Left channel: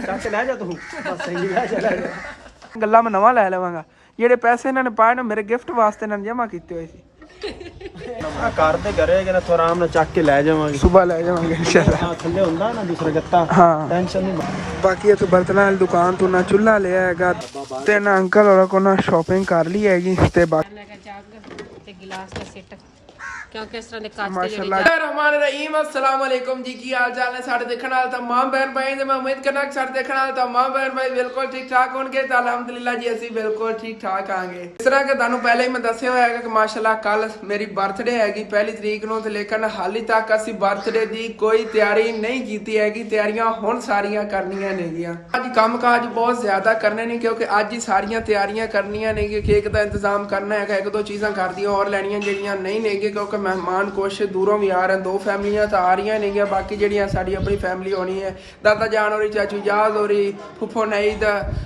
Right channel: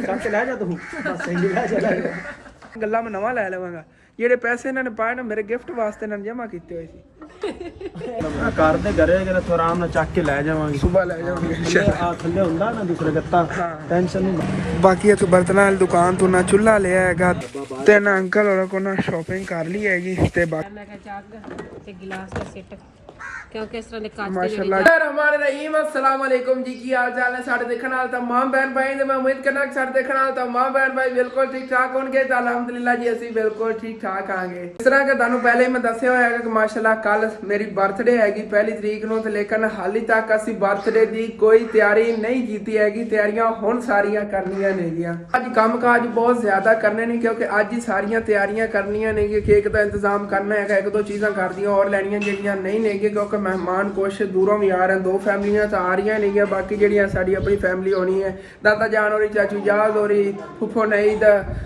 ਚੱਕ ਲੈ ਜਾ ਤੂੰ ਗੱਲਾਂ ਮੈਂ ਨਵਾਂ ਲੈ ਲਵਾਂਗਾ। ਜਿਹੜੇ ਪੈਸੇ ਇਹਨਾਂ ਨੇ ਪਾਏ ਨਾ ਮੇਰੇ ਗਿਫਟ ਵਾਸਤੇ ਇਹਨਾਂ ਨੇ ਜਮ੍ਹਾਂ ਕੀਤੇ ਹੋਏ ਸੀ। ਕਰਦੇ ਕਰੇ ਕਿ ਤੂੰ ਆਰਾਮ ਨਾਲ ਚੱਕ ਕੇ ਲੈ ਜਾਵਾਂਗੇ, ਸੁਬਾ ਲੈ ਜਾਵਾਂਗੇ। ਆ ਥੱਲੇ ਹੁੰਦਾ ਨਾ ਦੂਸਰਾ ਗੱਤਾ, ਹਾਂ ਟੈਨਸ਼ਨ ਨਹੀਂ। ਬਾਕੀ ਇੱਥੇ ਬਰਤਨਾਂ ਵਾਲੀ ਦੁਕਾਨ ਤੋਂ ਨਾ ਚੁੱਲ੍ਹਾ ਲਿਆ ਹੈਗਾ ਤੇ ਨਾ ਅੰਕਲ ਹੋਰਾਂ ਕੋਲ ਨਾ ਸ਼ਾਪਿੰਗ ਕਰ ਲਈ ਹੈਗੀ ਤੇ ਬਾਕੀ ਮੈਂ ਕਿਹਾ ਜੱਗ ਤੇ ਗਿਲਾਸ ਦਾ ਸੈੱਟ ਕਿਉਂਕਿ ਇਸ ਤਰ੍ਹਾਂ ਦੇ ਕੱਚ ਮਾਸ਼ਾਅੱਲਾ ਰਹਿਮਾਨ ਰਹੀਮ। अस्सलाम वालेकुम जी, की हाल चाल है साढ़े देखने वाले तमाम बहन भाई ने। मैं उम्मीद करना कि साढ़े देखने वाले तमाम बहन भाई बिल्कुल ठीक ठाक होंगे। तो अलहमदुलिल्लाह जी ਅਸੀਂ बिल्कुल ठीक ठाक आंगे। इस तरह के ਤੁਹਾਨੂੰ ਪਹਿਲੇ ਹੀ ਮੈਂ ਦੱਸਿਆ ਹੋਇਆ ਹੈ ਕਿ ਮਾਸ਼ਾਅੱਲਾ ਕੱਲ ਮੇਰੀ ਬਰਥਡੇ ਹੈਗੀ 1 ਤਰੀਕ ਨੂੰ ਤੇ ਲੇਕਿਨ ਹਾਲੇ ਤੱਕ ਅਸੀਂ ਬਰਥਡੇ ਦੀ ਕੋਈ ਤਿਆਰੀ ਨਹੀਂ ਕੀਤੀ ਹੈਗੀ। ਤਿਆਰੀਆਂ ਹੁਣ ਸਾਰੀਆਂ ਕਰਨੀਆਂ ਨੇਗੀਆਂ। ਅੱਜ ਕੰਮਕਾਜ ਬਹੁਤ ਜ਼ਿਆਦਾ ਕਰਨੇ ਨੇ ਕਿਉਂਕਿ ਅੱਜ ਹੀ ਸਾਰੀਆਂ ਤਿਆਰੀਆਂ ਕਰਨੀਆਂ ਨੇ। ਕੇਕ ਦਾ ਇੰਤਜ਼ਾਮ ਕਰਨਾ ਹੈਗਾ, ਇੱਕ ਦੋ ਚੀਜ਼ਾਂ ਕਰਦੀਆਂ ਹੋਰ ਲੈਣੀਆਂ ਜਿਹੜੀਆਂ ਨਹੀਂ ਨੇਗੀਆਂ ਕਿਉਂਕਿ ਮਹਿਮਾਨ ਕੁਛ ਦੂਰੋਂ ਵੀ ਆ ਰਹੇ, 2 ਫੈਮਲੀਆਂ ਤਾਂ ਆ ਰਹੀਆਂ ਨੇਗੀਆਂ। ਬਾਕੀ ਜਿਹੜੀਆਂ ਸਾਡੀ ਆਪਣੀ ਫੈਮਲੀ ਹੋਣੀ ਹੈ, ਦਾਦਾ ਜਾਨ ਹੋਰੀ, ਚਾਚੂ ਯਾਦ ਹੋਰੀ, ਫੁੱਫੋ ਨਈਦ,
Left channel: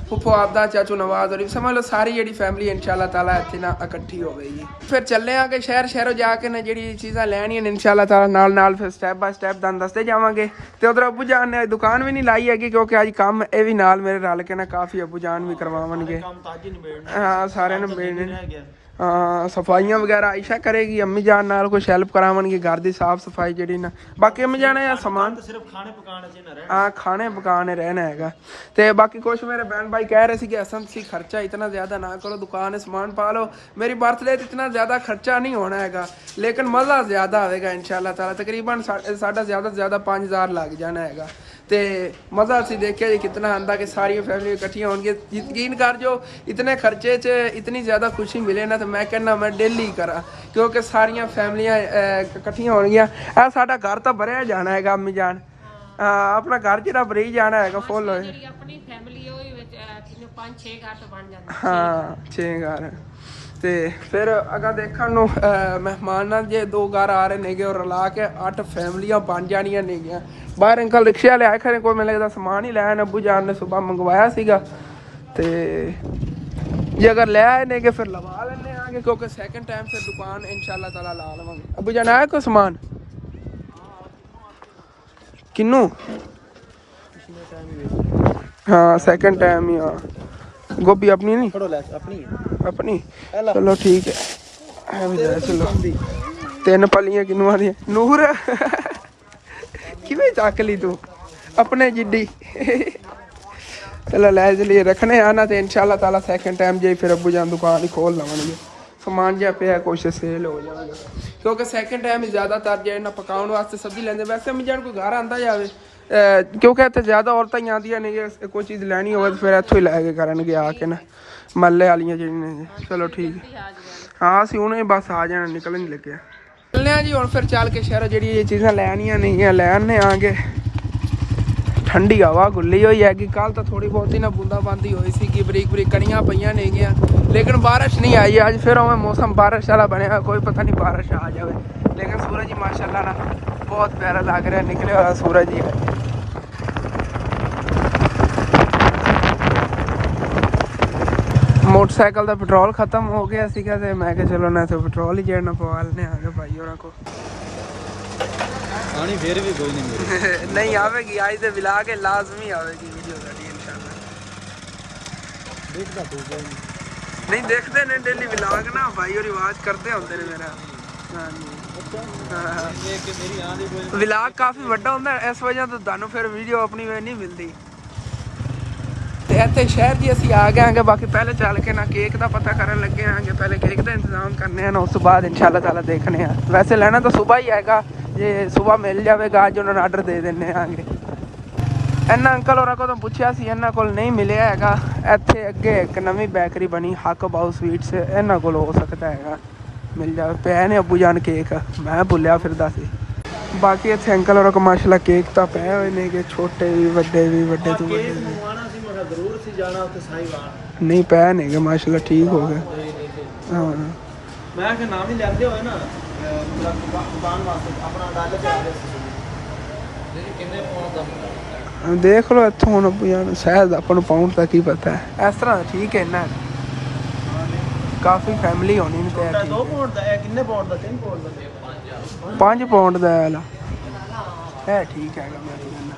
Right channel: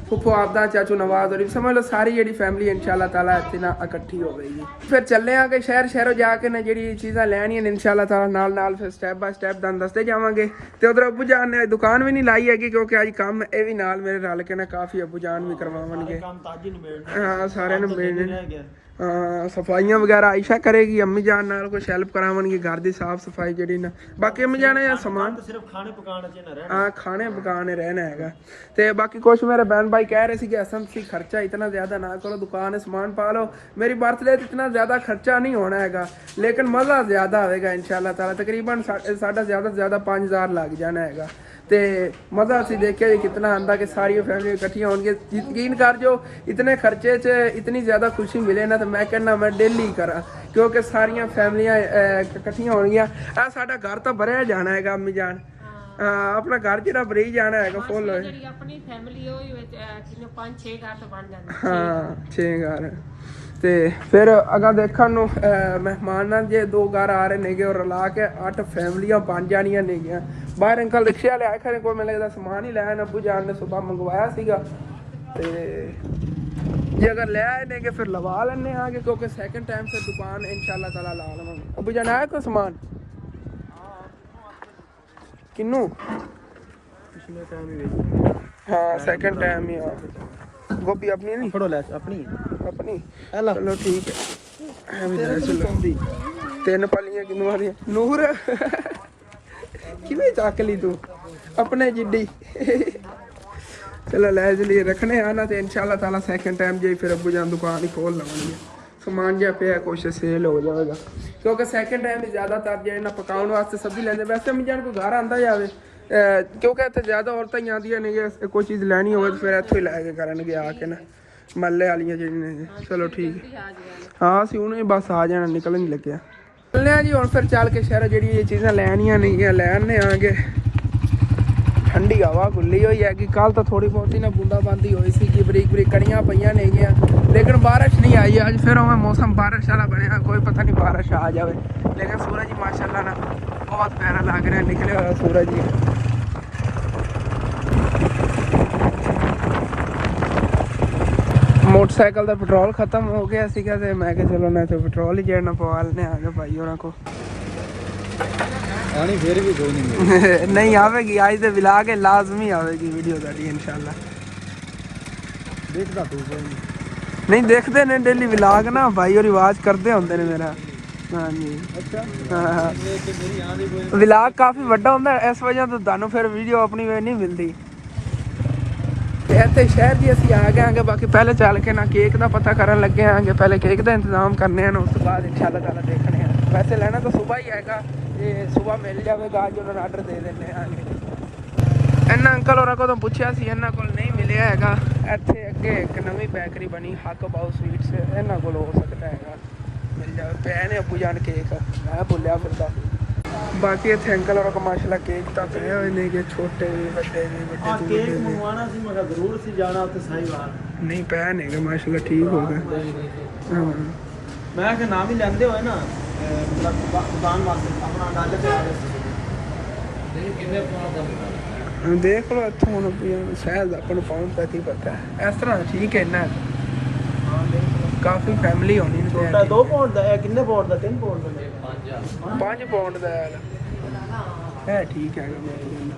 ਫੁੱਫੋ ਆਪਦਾ, ਚਾਚੂ ਨਵਾਜ਼ ਹੋਰੀ, ਸਮਝ ਲਓ ਸਾਰੀ ਜਿਹੜੀ ਫੈਮਲੀ ਇਨਸ਼ਾਅੱਲਾ ਤਾਲਾ ਇੱਥੇ ਨਾ ਇਕੱਠੀ ਹੋਵੇਗੀ। ਫਿਰ ਚੱਲੇ ਆਂਗੇ ਸ਼ਹਿਰੋਂ ਜਾ ਕੇ ਨਾ ਜਿਹੜੀ ਚੀਜ਼ਾਂ ਲੈਣੀਆਂ ਨੇ ਇਨਸ਼ਾਅੱਲਾ ਤਾਲਾ ਨਾਲ ਫਿਰ ਸਟੈਪ ਬਾਏ ਸਟੈਪ ਤੁਹਾਨੂੰ ਦੱਸਦੇ ਜਾਵਾਂਗੇ। ਤੇ ਉਧਰ ਅੱਬੂ ਜਾਨ ਨੇ ਦੁਕਾਨ ਵੀ ਨਹੀਂ ਲਾਈ ਹੈਗੀ ਕਿਉਂਕਿ ਅੱਜ ਕੰਮ ਇਹ ਵੀ ਨਾਲ ਮੇਰੇ ਰਲ ਕੇ ਨਾ ਕਾਫੀ ਅੱਬੂ ਜਾਨ ਵੀ ਕਰਵਾਉਣਗੇ। ਹਾਂ ਸਾਰਿਆਂ ਨੂੰ ਮਿਲਣੇ। ਸਫਾਈਆਂ ਵਗੈਰਾ ਆਇਸ਼ਾ ਕਰੇਗੀ, ਅੰਮੀ ਜਾਨ ਨਾਲ ਕੁਛ ਹੈਲਪ ਕਰਾਉਣਗੇ ਘਰ ਦੀ ਸਾਫ ਸਫਾਈ ਜਿਹੜੀ ਨਾ। ਬਾਕੀ ਅੰਮੀ ਜਾਨ ਆ ਸਮਾਨ ਸਿਰਫ ਖਾਣੇ ਪਕਾਉਣ ਚ ਨਾ ਰਹਿਣਾ। ਹਾਂ ਖਾਣੇ ਪਕਾਣੇ ਰਹਿਣਾ ਹੈਗਾ। ਤੇ ਬਾਕੀ ਕੁਛ ਮੇਰੇ ਬहन भाई कह रहे थे कि असन सी खर्चा इतना ज़्यादा ना करो, दुकान सामान पा लो। मेरी बर्थडे इतना ज़्यादा खर्चा नहीं होना हैगा लेकिन मज़ा ज़्यादा आएगा इंशाल्लाह ताला। तकरीबन साढ़ा ज़्यादा से ज़्यादा 5000 लग जाना हैगा। ਤੇ ਮਜ਼ਾ ਅਸੀਂ ਦੇਖਿਆ ਜੀ ਕਿਤਨਾ ਆਂਦਾ ਕਿ ਸਾਰੀਆਂ ਫੈਮਲੀ ਇਕੱਠੀਆਂ ਹੋਣਗੀਆਂ। ਯਕੀਨ ਕਰ ਜੋ ਇਤਨੇ ਖਰਚੇ 'ਚ ਇਤਨੀ ਜ਼ਿਆਦਾ ਖੁਸ਼ੀ ਮਿਲੇ ਨਾ ਤਾਂ ਮੈਂ ਕਹਿੰਦਾ ਮੈਂ ਡੇਲੀ ਕਰਾਂ ਕਿਉਂਕਿ ਸਾਰੀਆਂ ਫੈਮਲੀਆਂ ਇਕੱਠੀਆਂ ਹੋਣਗੀਆਂ। ਆ ਸਾਡਾ ਘਰ ਤਾਂ ਭਰਿਆ ਜਾਣਾ ਹੈਗਾ ਅੰਮੀ ਜਾਨ। ਆਪਣਾ ਘਰ ਜਿਹੜਾ ਭਰੀ ਜਾਣਾ ਹੈਗਾ ਫੁੱਲ ਹੋਏ। ਜਿਹੜੀ ਆਪਣੀ ਫੈਮਿਲੀ ਉਹ ਵਿੱਚ 5-6 ਘਰ ਤੋਂ ਬਣ ਜਾਂਦੇ। ਹਾਂ 6 ਘਰ। ਤੇ ਫਿਰ ਅਗਾ ਦੇਖਣ ਨੂੰ ਮਹਿਮਾਨਾਂ ਜੇ 2 ਘਰ ਆ ਰਹੇ ਨੇਗੇ ਔਰ ਰਲਾ ਕੇ 8 ਫੈਮਲੀਆਂ ਬਣ ਜਾਣੀਆਂ ਨੇਗੀਆਂ। ਬਾਹਰ ਅੰਕਲ ਰਿਕਸ਼ੇ ਵਾਲੇ ਆਏ ਖਰੇ ਕੋਈ ਮੈਨੂੰ ਲੱਗਦਾ ਸਮਾਨ ਹੀ ਲੈ ਆਏ ਨੇ। ਅੱਬੂ ਜਾਨ ਨੇ ਸੁਬਹ ਮੰਗਵਾਇਆ ਸੀਗਾ ਤੇ ਜੇ ਅਗਰ ਲੈ ਆਏ ਨੇ ਕਿ ਫਿਰ ਲਵਾ ਲੈਣੇ ਆਗੇ ਕਿਉਂਕਿ ਸੈਕਿੰਡ ਟਾਈਮ ਫਿਰ ਦੁਕਾਨ ਇਨਸ਼ਾਅੱਲਾ ਤਾਲਾ ਲਾ ਲਵਾਂਗੇ। ਅੱਬੂ ਜਾਨ ਆਇਆ ਕੋਈ ਸਮਾਨ ਕਿੰਨੂ? हाँ सेकंड टाइम ही। हाँ गोभी अपनी नहीं फड़ो ले अपनी अपनी चलो ठीक है। चलो 3 पलियां किन्नुआं दी नूर किवें चक ली तू अपने जिड्डी। चलो ले चलिए रखने आना तो इंशाल्लाह ताला सेकंड टाइम जे फिर अब्बू जान दुकान ही खोल लवांगे। समान जिहा पिया कुछ सेल हो जाएगा क्योंकि सेकंड टाइम ज़्यादातर जे ना पकाउण वास्ते सब्जी लैंदे। वैसे अम्मी जान कोई घर आंदा जावे क्योंकि इतने ज़्यादा औरतां ही आंदियां ने कोई चीज़ लैनी हो तो फिर इत्थों ही लैके करनगे आके ना मल्ले वालियां जेहड़ियां। चलो ठीक है। हाँ असीं हुणे बस आ जाना निकलन नहीं लगे चलने जी हुण फिर चल के शहरों जी चीज़ां लैनियां नहीं लैने आगे। ठंडी हवा खुली हुई है कि कल तो थोड़ी बहुत ही ना बूंदाबांदी हुई सी कि बरीक बरीक कड़ियां पईयां नेगियां लेकिन बारिश नहीं आई। अज फिर उवें मौसम बारिश वाला बनया कोई पता नहीं बारिश आ जाए लेकिन सूरज ही माशाअल्लाह ना बहुत प्यारा लग रहा निकले हुआ सूरज ही। मोटरसाइकिल का पेट्रोल खत्म हो गया सीगा ते मैं कहा चलो ना तो पेट्रोल ही जेड़ना पवा लेने आ गए भाई होरां को। आनी फिर भी कोई नहीं नहीं आवेगी आज तो विला के लाजमी आवेगी वीडियो जारी इंशाल्लाह। देखदा तू नहीं देखते ने डेली विलाग ना भाई और आवाज करते होंगे ने मेरा। हाँ जी अच्छा विलाग काफ़ी वड्डा होंदा इस वजह तो तुहानू फिर वीडियो अपनी वे नहीं मिलती। ते इत्थे शहर जी असीं आ गए आंगे। बाकी पहले चल के ना केक का पता करन लगे आंगे। पहले केक का इंतजाम करने हैं उस बाद इंशाल्लाह ताला देखने हैं। वैसे लेना तो सुबह ही आएगा जे सुबह मिल जाएगा अज उन्होंने आर्डर दे देने आंगे। इन्ना अंकल होरां को तो पुछया सी इन्हां कोल नहीं मिलिया हैगा। इत्थे अगे एक नवीं बेकरी बनी हक बाउ स्वीट्स इन्हां कोल हो सकता है मिल जाए पे ने अब्बू जान केक मैं भुलिया फिर दस। बाकी इत्थे अंकल होरां को माशाल्लाह केक तो पे हुए ने कि छोटे भी वड्डे भी वड्डे तो वड्डे भी जरूर सी जाना उत्ते साहिवाल नहीं पे ने माशाल्लाह ठीक हो गए। हाँ मैं कि नाम ही लेंदे होए ना मतलब दुकान वास्ते अपना अंदाजा ते आ रहे सी कितने पाउंड दा देख लो इत्थों हुण यार शायद अपन पाउंड तक ही पता है इस तरह ठीक है ना काफ़ी फैमिली होनी ने। छोटा 2 पाउंड दा है कितने पाउंड दा 3 पाउंड दा 5 पाउंड दा है ठीक है मैं कहना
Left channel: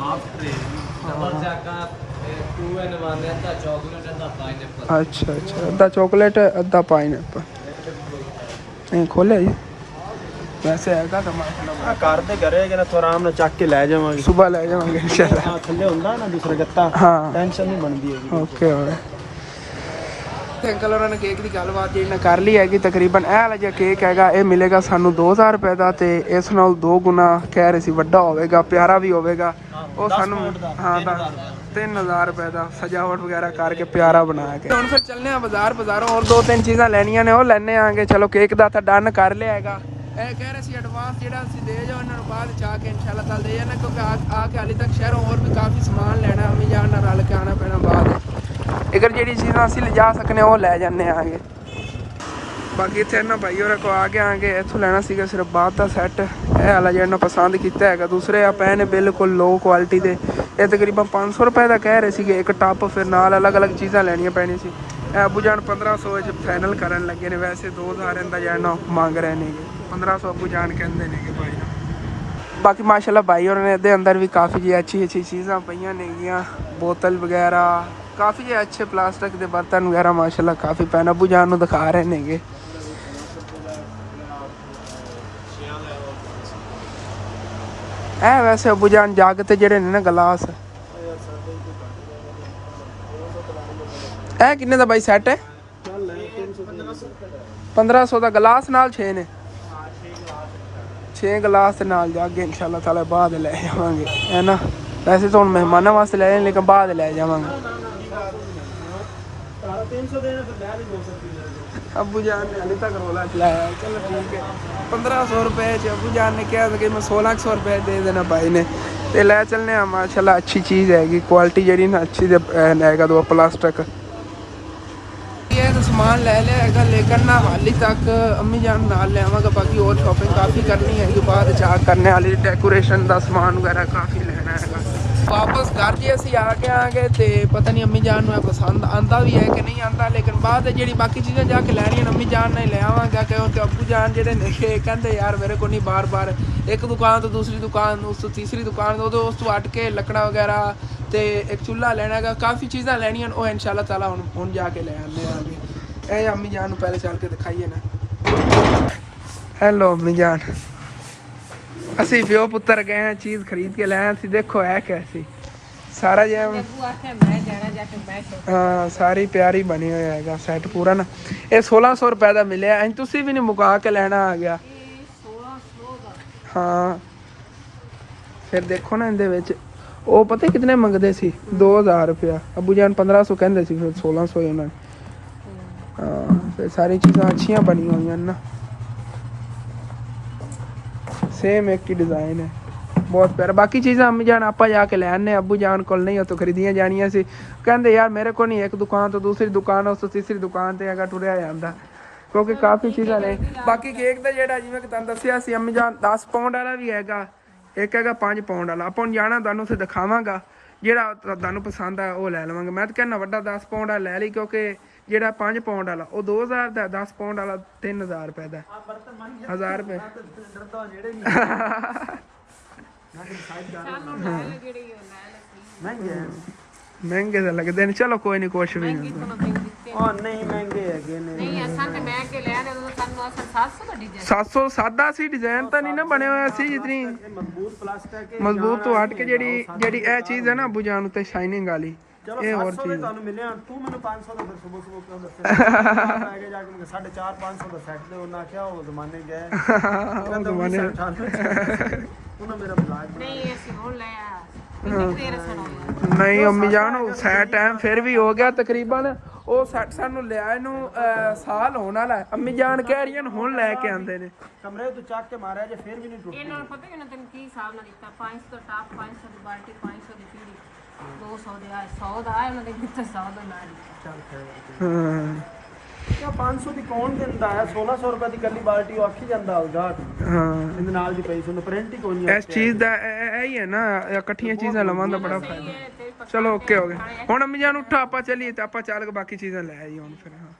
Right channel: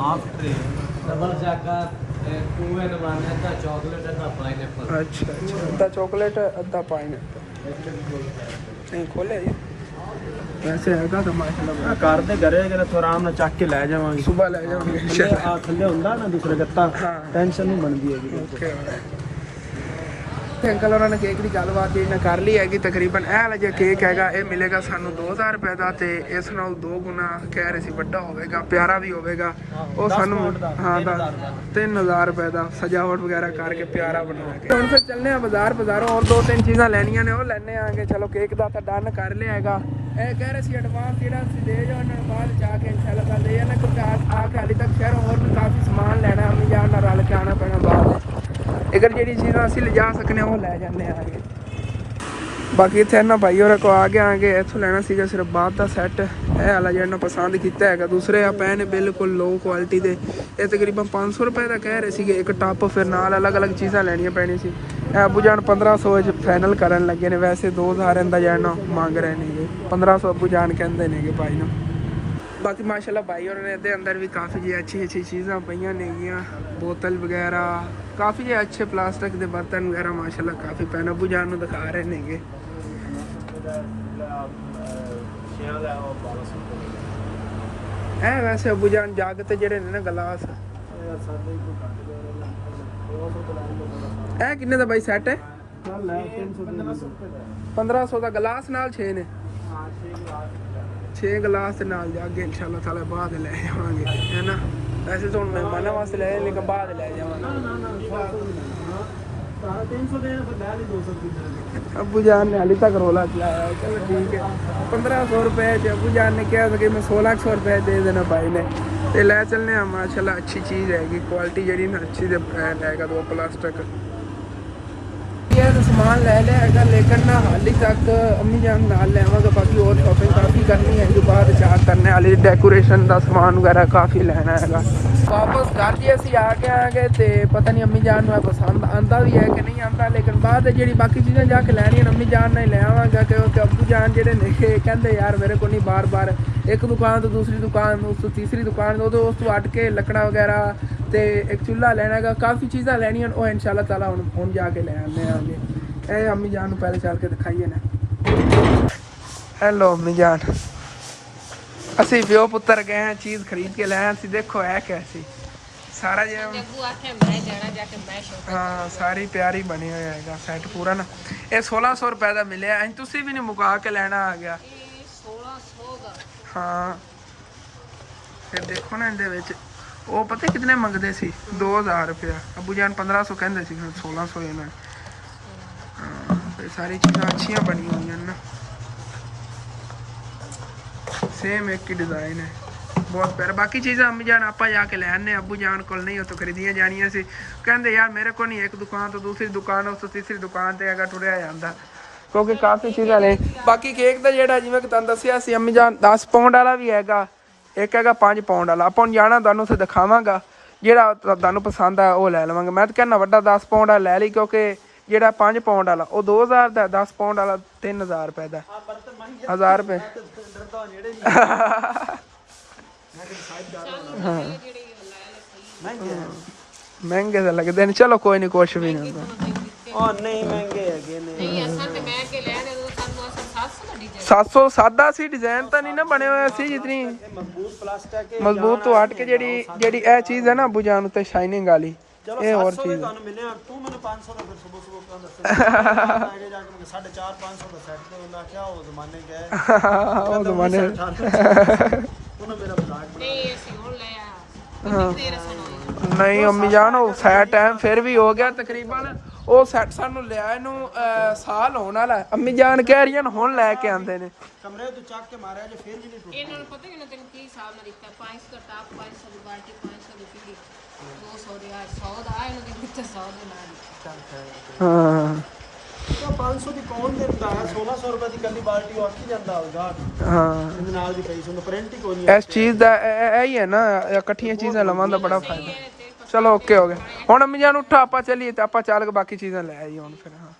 half tray double jacket 2 in 1 है चॉकलेट है पाइनएप्पल ਅੱਛਾ ਅੱਛਾ, ਅੱਧਾ ਚਾਕਲੇਟ ਅੱਧਾ ਪਾਈਨਐਪਲ। ਇਹ ਖੋਲਿਆ ਜੀ ਵੈਸੇ ਹੈਗਾ ਤਾਂ ਮਾਸ਼ਾਅੱਲਾ ਕਾਰ ਤੇ ਕਰਿਆ ਕਿ ਨਾ ਆਰਾਮ ਨਾਲ ਚੱਕ ਕੇ ਲੈ ਜਾਵਾਂਗੇ। ਸੁਬਾ ਲੈ ਜਾਵਾਂਗੇ ਇੰਸ਼ਾਅੱਲਾ। ਆ ਥੱਲੇ ਹੁੰਦਾ ਨਾ ਦੂਸਰਾ ਗੱਤਾ, ਹਾਂ ਟੈਨਸ਼ਨ ਨਹੀਂ ਬਣਦੀ ਹੈਗੀ। ਓਕੇ ਅੰਕਲ ਹੋਰਾਂ ਨੇ ਕੇਕ ਦੀ ਗੱਲਬਾਤ ਜਿਹੜੀ ਮੈਂ ਕਰ ਲਈ ਹੈਗੀ ਤਕਰੀਬਨ। ਇਹ ਵਾਲਾ ਜਿਹੜਾ ਕੇਕ ਹੈਗਾ ਇਹ ਮਿਲੇਗਾ ਸਾਨੂੰ 2000 ਰੁਪਏ ਦਾ, ਤੇ ਇਸ ਨਾਲ 2 ਗੁਣਾ ਕਹਿ ਰਹੇ ਸੀ ਵੱਡਾ ਹੋਵੇਗਾ, ਪਿਆਰਾ ਵੀ ਹੋਵੇਗਾ। ਉਹ ਸਾਨੂੰ ਹਾਂ 3000 ਰੁਪਏ ਦਾ ਸਜਾਵਟ ਵਗੈਰਾ ਕਰਕੇ ਪਿਆਰਾ ਬਣਾ ਕੇ। ਹੁਣ ਫਿਰ ਚੱਲਨੇ ਆ ਬਾਜ਼ਾਰੋਂ ਹੋਰ 2-3 ਚੀਜ਼ਾਂ ਲੈਣੀਆਂ ਨੇ, ਉਹ ਲੈਣੇ ਆਂਗੇ। ਚਲੋ ਕੇਕ ਦਾ ਤਾਂ ਡਨ ਕਰ ਲਿਆ ਹੈਗਾ। ਇਹ ਕਹਿ ਰਹੇ ਸੀ ਐਡਵਾਂਸ ਜਿਹੜਾ ਅਸੀਂ ਦੇ ਜਾਓ ਇਹਨਾਂ ਨੂੰ ਬਾਅਦ ਚ ਆ ਕੇ ਇਨਸ਼ਾਅੱਲਾ ਕੱਲ ਦੇ ਜਾਣਾ, ਕਿਉਂਕਿ ਆ ਕੇ ਹਾਲੇ ਤੱਕ ਸ਼ਹਿਰੋਂ ਹੋਰ ਵੀ ਕਾਫੀ ਸਮਾਨ ਲੈਣਾ, ਅਮੀ ਜਾਨ ਨਾਲ ਰਲ ਕੇ ਆਉਣਾ ਪੈਣਾ ਬਾਅਦ। ਅਗਰ ਜਿਹੜੀ ਚੀਜ਼ਾਂ ਅਸੀਂ ਲਿਜਾ ਸਕਨੇ ਉਹ ਲੈ ਜਾਂਦੇ ਆਂਗੇ। ਬਾਕੀ ਇੱਥੇ ਇਹਨਾਂ ਭਾਈ ਹੋਰਾਂ ਕੋ ਆ ਕੇ ਆਂਗੇ। ਇੱਥੋਂ ਲੈਣਾ ਸੀਗਾ ਸਿਰਫ ਬਾਤ ਦਾ ਸੈੱਟ, ਇਹ ਵਾਲਾ ਜਿਹੜਾ ਪਸੰਦ ਕੀਤਾ ਹੈਗਾ। ਦੂਸਰੇ ਆ ਪਏ ਨੇ ਬਿਲਕੁਲ ਲੋ ਕੁਆਲਿਟੀ ਦੇ, ਇਹ ਤਕਰੀਬਨ 500 ਰੁਪਏ ਦਾ ਕਹਿ ਰਹੇ ਸੀਗੇ ਇੱਕ ਟੱਪ। ਫਿਰ ਨਾਲ ਅਲੱਗ-ਅਲੱਗ ਚੀਜ਼ਾਂ ਲੈਣੀਆਂ ਪੈਣੀਆਂ ਸੀ। ਇਹ ਅੱਬੂ ਜਾਨ 1500 ਵਿੱਚ ਫਾਈਨਲ ਕਰਨ ਲੱਗੇ ਨੇ, ਵੈਸੇ 2000 ਦਾ ਜਿਹੜਾ ਮੰਗ ਰਹੇ ਨੇਗੇ। 1500 ਅੱਬੂ ਜਾਨ ਕਹਿੰਦੇ ਨੇਗੇ ਭਾਈ ਨੂੰ। ਬਾਕੀ ਮਾਸ਼ਾਅੱਲਾ ਭਾਈ ਹੋਰਾਂ ਨੇ ਇਹਦੇ ਅੰਦਰ ਵੀ ਕਾਫੀ ਜੀ ਅੱਛੀ ਚੀਜ਼ਾਂ ਪਈਆਂ ਨੇਗੀਆਂ, ਬੋਤਲ ਵਗੈਰਾ, ਕਾਫੀ ਜਿਹੇ ਅੱਛੇ ਪਲਾਸਟਿਕ ਦੇ ਬਰਤਨ ਵਗੈਰਾ ਮਾਸ਼ਾਅੱਲਾ ਕਾਫੀ ਪੈਨ ਅੱਬੂ ਜਾਨ ਨੂੰ ਦਿਖਾ ਰਹੇ ਨੇਗੇ। ਵੈਸੇ ਅੱਬੂ ਜਾਨ ਜੱਗ ਤੇ ਜਿਹੜੇ ਨੇ ਨਾ ਗਲਾਸ, ਇਹ ਕਿੰਨੇ ਦਾ ਬਾਈ ਸੈੱਟ ਹੈ? 1500 ਦਾ ਗਲਾਸ ਨਾਲ 6 ਨੇ। 6 ਗਲਾਸ ਦੇ ਨਾਲ ਜਾ ਕੇ ਇਨਸ਼ਾਅੱਲਾ ਤਾਲਾ ਬਾਅਦ ਲੈ ਜਾਵਾਂਗੇ, ਹੈ ਨਾ। ਵੈਸੇ ਤਾਂ ਹੁਣ ਮਹਿਮਾਨਾਂ ਵਾਸਤੇ ਲੈ ਲੇਕਿਨ ਬਾਅਦ ਲੈ ਜਾਵਾਂਗੇ। 300 ਦੇ ਫਿਰ ਲੈ ਲਈ 200 ਰੁਪਏ। ਅੱਬੂ ਜਾਨ ਨੇ ਹਾਲੇ ਤੱਕ ਰੋਲਾ ਚਲਾਇਆ। ਚਲੋ ਠੀਕ ਹੈ, 1500 ਰੁਪਏ ਚ ਅੱਬੂ ਜਾਨ ਨੇ ਕਿਹਾ ਕਿ ਮੈਂ 1600 ਰੁਪਏ ਦੇ ਦੇਣਾ ਭਾਈ ਨੇ, ਤੇ ਲੈ ਚੱਲਨੇ ਆ। ਮਾਸ਼ਾਅੱਲਾ ਅੱਛੀ ਚੀਜ਼ ਹੈਗੀ, ਕੁਆਲਿਟੀ ਜਿਹੜੀ ਨਾ ਅੱਛੀ ਹੈਗਾ। ਦੋ ਪਲਾਸਟਿਕ ਇਹ ਤਾਂ ਸਮਾਨ ਲੈ ਲਿਆ ਹੈਗਾ, ਲੇਕਿਨ ਨਾ ਹਾਲੇ ਤੱਕ ਅੰਮੀ ਜਾਨ ਨਾਲ ਲਿਆਵਾਂਗਾ। ਬਾਕੀ ਹੋਰ ਸ਼ਾਪਿੰਗ ਕਾਫੀ ਕਰਨੀ ਹੈਗੀ, ਬਾਅਦ ਚਾਰ ਕਰਨੇ ਵਾਲੀ ਡੈਕੋਰੇਸ਼ਨ ਦਾ ਸਮਾਨ ਵਗੈਰਾ ਕਾਫੀ ਲੈਣਾ ਹੈਗਾ। ਵਾਪਸ ਘਰ ਜੀ ਅਸੀਂ ਆ ਕੇ ਆਂਗੇ ਤੇ ਪਤਾ ਨਹੀਂ ਅੰਮੀ ਜਾਨ ਨੂੰ ਪਸੰਦ ਆਂਦਾ ਵੀ ਹੈ ਕਿ ਨਹੀਂ ਆਂਦਾ, ਲੇਕਿਨ ਬਾਅਦ ਜਿਹੜੀ ਬਾਕੀ ਚੀਜ਼ਾਂ ਜਾ ਕੇ ਲੈਣੀਆਂ ਅੰਮੀ ਜਾਨ ਨਾਲ ਲੈ ਆਵਾਂਗਾ। ਕਿਉਂਕਿ ਅੱਬੂ ਜਾਨ ਜਿਹੜੇ ਨੇ ਕਹਿੰਦੇ ਯਾਰ ਮੇਰੇ ਕੋਲ ਨਹੀਂ ਬਾਰ-ਬਾਰ ਇੱਕ ਦੁਕਾਨ ਤੋਂ ਦੂਸਰੀ ਦੁਕਾਨ, ਉਸ ਤੋਂ ਤੀਸਰੀ ਦੁਕਾਨ, ਉਸ ਤੋਂ ਹਟ ਕੇ ਲੱਕੜਾਂ ਵਗੈਰਾ ਤੇ ਇੱਕ ਚੁੱਲ੍ਹਾ ਲੈਣਾ ਹੈਗਾ, ਕਾਫੀ ਚੀਜ਼ਾਂ ਲੈਣੀਆਂ। ਉਹ ਇਨਸ਼ਾਅੱਲਾ ਤਾਲਾ ਹੁਣ ਜਾ ਕੇ ਲੈ ਆਉਂਦੇ ਆਂਗੇ। ਇਹ ਅੰਮੀ ਜਾਨ ਨੂੰ ਪਹਿਲੇ ਚੱਲ ਕੇ ਦਿਖਾਈਏ ਨਾ। ਹੈਲੋ ਅੰਮੀ ਜਾਨ, ਅਸੀਂ ਪਿਓ ਪੁੱਤਰ ਗਏ ਹਾਂ, ਚੀਜ਼ ਖਰੀਦ ਕੇ ਲੈ ਆਏ ਸੀ। ਦੇਖੋ ਹੈ ਕੈਸੀ ਸਾਰਾ ਜਿਹਾ ਹਾਂ ਸਾਰੀ ਪਿਆਰੀ ਬਣੀ ਹੋਈ ਹੈਗਾ ਸੈੱਟ ਪੂਰਾ ਨਾ। ਇਹ 1600 ਰੁਪਏ ਦਾ ਮਿਲਿਆ। ਐਂ ਤੁਸੀਂ ਵੀ ਨਹੀਂ ਮੁਕਾ ਕੇ ਲੈਣਾ ਆ ਗਿਆ। ਹਾਂ ਫਿਰ ਦੇਖੋ ਨਾ ਇਹਦੇ ਵਿੱਚ ਉਹ ਪਤਾ ਕਿਤਨੇ ਮੰਗਦੇ ਸੀ? 2000 ਰੁਪਇਆ। ਅੱਬੂ ਜਾਨ 1500 ਕਹਿੰਦੇ ਸੀ, ਫਿਰ 1600 ਇਹਨਾਂ ਨੇ। ਹਾਂ ਫਿਰ ਸਾਰੀ ਚੀਜ਼ਾਂ ਅੱਛੀਆਂ ਬਣੀਆਂ ਹੋਈਆਂ ਨਾ, ਸੇਮ ਇੱਕ ਹੀ ਡਿਜ਼ਾਈਨ ਹੈ, ਬਹੁਤ ਪਿਆਰਾ। ਬਾਕੀ ਚੀਜ਼ਾਂ ਅੰਮੀ ਜਾਨ ਆਪਾਂ ਜਾ ਕੇ ਲੈ ਆਨੇ, ਅੱਬੂ ਜਾਨ ਕੋਲ ਨਹੀਂ ਉੱਥੋਂ ਖਰੀਦੀਆਂ ਜਾਣੀਆਂ ਸੀ। ਕਹਿੰਦੇ ਯਾਰ ਮੇਰੇ ਕੋਲ ਨਹੀਂ, ਇੱਕ ਦੁਕਾਨ ਤੋਂ ਦੂਸਰੀ ਦੁਕਾਨ, ਉਸ ਤੋਂ ਤੀਸਰੀ ਦੁਕਾਨ ਤੇ ਹੈਗਾ ਟੁਰਿਆ ਜਾਂਦਾ, ਕਿਉਂਕਿ ਕਾਫੀ ਚੀਜ਼ਾਂ ਲੈ। ਬਾਕੀ ਕੇਕ ਦਾ ਜਿਹੜਾ ਜਿਵੇਂ ਕਿ ਤੁਹਾਨੂੰ ਦੱਸਿਆ ਸੀ ਅੰਮੀ ਜਾਨ 10 ਪਾਉਂਡ ਵਾਲਾ ਵੀ ਹੈਗਾ, ਇੱਕ ਹੈਗਾ 5 ਪਾਉਂਡ ਵਾਲਾ। ਆਪਾਂ ਨੂੰ ਜਾਣਾ ਤੁਹਾਨੂੰ ਉੱਥੇ ਦਿਖਾਵਾਂਗਾ, ਜਿਹੜਾ ਤੁਹਾਨੂੰ ਪਸੰਦ ਆ ਉਹ ਲੈ ਲਵਾਂਗੇ। ਮੈਂ ਤਾਂ ਕਹਿੰਦਾ ਵੱਡਾ 10 ਪਾਉਂਡ ਵਾਲਾ ਲੈ ਲਈ, ਕਿਉਂਕਿ ਜਿਹੜਾ 5 ਪਾਉਂਡ ਵਾਲਾ ਉਹ 2000 ਦਾ, 10 ਪਾਉਂਡ ਵਾਲਾ 3000 ਰੁਪਏ ਦਾ, 1000 ਰੁਪਏ। ਮਹਿੰਗੇ ਤਾਂ ਲੱਗਦੇ ਨੇ, ਚਲੋ ਕੋਈ ਨਹੀਂ, ਕੁਛ ਵੀ ਨਹੀਂ। ਉਹ ਨਹੀਂ ਮਹਿੰਗੇ ਹੈਗੇ ਨੇ। ਨਹੀਂ ਅਸਾਂ ਤੇ ਮੈਂ ਕੇ ਲੈਣੇ ਉਹ ਸਾਨੂੰ ਅਸਾਂ 700 ਦਾ ਡਿਜ਼ਾਈਨ 700 ਸਾਦਾ ਸੀ, ਡਿਜ਼ਾਈਨ ਤਾਂ ਨਹੀਂ ਨਾ ਬਣਿਆ ਹੋਇਆ ਸੀ ਜਿਤਨੀ ਮਜ਼ਬੂਤ ਪਲਾਸਟਿਕ ਹੈ, ਮਜ਼ਬੂਤ ਤੋਂ ਹਟ ਕੇ ਜਿਹੜੀ ਇਹ ਚੀਜ਼ ਹੈ ਨਾ ਅੱਬੂ ਜਾਨ ਉੱਤੇ ਸ਼ਾਈਨਿੰਗ ਵਾਲੀ, ਇਹ ਹੋਰ ਚੀਜ਼ ਤੁਹਾਨੂੰ ਮਿਲਿਆ। ਤੂੰ ਮੈਨੂੰ 500 ਦਾ ਫਿਰ ਸਵੇਰ ਕਿਉਂ ਦੱਸਿਆ? ਅੱਗੇ ਜਾ ਕੇ ਮੈਂ 450 500 ਦਾ ਸੈੱਟ ਦੇ ਉਹਨਾਂ ਕਿਹਾ ਉਹ ਜ਼ਮਾਨੇ ਗਏ ਉਹ ਜ਼ਮਾਨੇ ਉਹਨਾਂ ਮੇਰਾ ਪਲਾਨ ਨਹੀਂ ਅਸੀਂ ਹੁਣ ਲੈ ਆ ਕਿੰਨੀ ਦੇਰ ਸਾਨੂੰ ਨਹੀਂ ਅੰਮੀ ਜਾਨ ਉਹ ਸੈਟ ਟਾਈਮ ਫਿਰ ਵੀ ਹੋ ਗਿਆ ਤਕਰੀਬਨ। ਉਹ ਸੈੱਟ ਸਾਨੂੰ ਲਿਆ ਇਹਨੂੰ ਸਾਲ ਹੋਣ ਵਾਲਾ। ਅੰਮੀ ਜਾਨ ਕਹਿ ਰਹੀਆਂ ਹੁਣ ਲੈ ਕੇ ਆਂਦੇ ਨੇ। ਕਮਰੇ ਤੋਂ ਚੱਕ ਕੇ ਮਾਰਿਆ ਜੇ ਫਿਰ ਵੀ ਨਹੀਂ ਟੁੱਟਦਾ। ਇਹਨਾਂ ਨੂੰ ਪਤਾ ਕਿ ਨਾ ਤੈਨੂੰ ਕੀ ਹਿਸਾਬ ਨਾਲ ਦਿੱਤਾ? 500 ਦਾ ਟਾਪ, 500 ਦੀ ਬਾਲਟੀ, 500 ਦੀ ਪੀੜੀ, 200 ਦੇ ਆ, 100 ਦਾ ਆ, ਉਹਨਾਂ ਦੇ ਕਿੱਥੇ 100 ਦਾ ਨਾ ਦਿੱਤਾ। ਹਾਂ ਤਾਂ 500 ਦੀ ਕੌਣ ਦਿੰਦਾ ਹੈ? 1600 ਰੁਪਏ ਦੀ ਕੱਲੀ ਬਾਲਟੀ ਉਹ ਆਖੀ ਜਾਂਦਾ ਹੋਗਾ। ਹਾਂ ਇਹਦੇ ਨਾਲ ਦੀ ਪਈ ਸੀ ਉਹਨੇ ਪ੍ਰਿੰਟ ਹੀ ਕੋਈ ਨਹੀਂ। ਇਸ ਚੀਜ਼ ਦਾ ਇਹ ਹੀ ਹੈ ਨਾ, ਇਕੱਠੀਆਂ ਚੀਜ਼ਾਂ ਲਵਾਂ ਦਾ ਬੜਾ ਫਾਇਦਾ। ਚਲੋ ਓਕੇ ਹੋ ਗਿਆ। ਹੁਣ ਅੰਮੀ ਜਾਨ ਉੱਠਾ ਆਪਾਂ ਚੱਲੀਏ ਤੇ ਆਪਾਂ ਚੱਲ ਕੇ ਬਾਕੀ ਚੀਜ਼ਾਂ ਲੈ ਆਈ ਹੁਣ ਫਿਰ। ਹਾਂ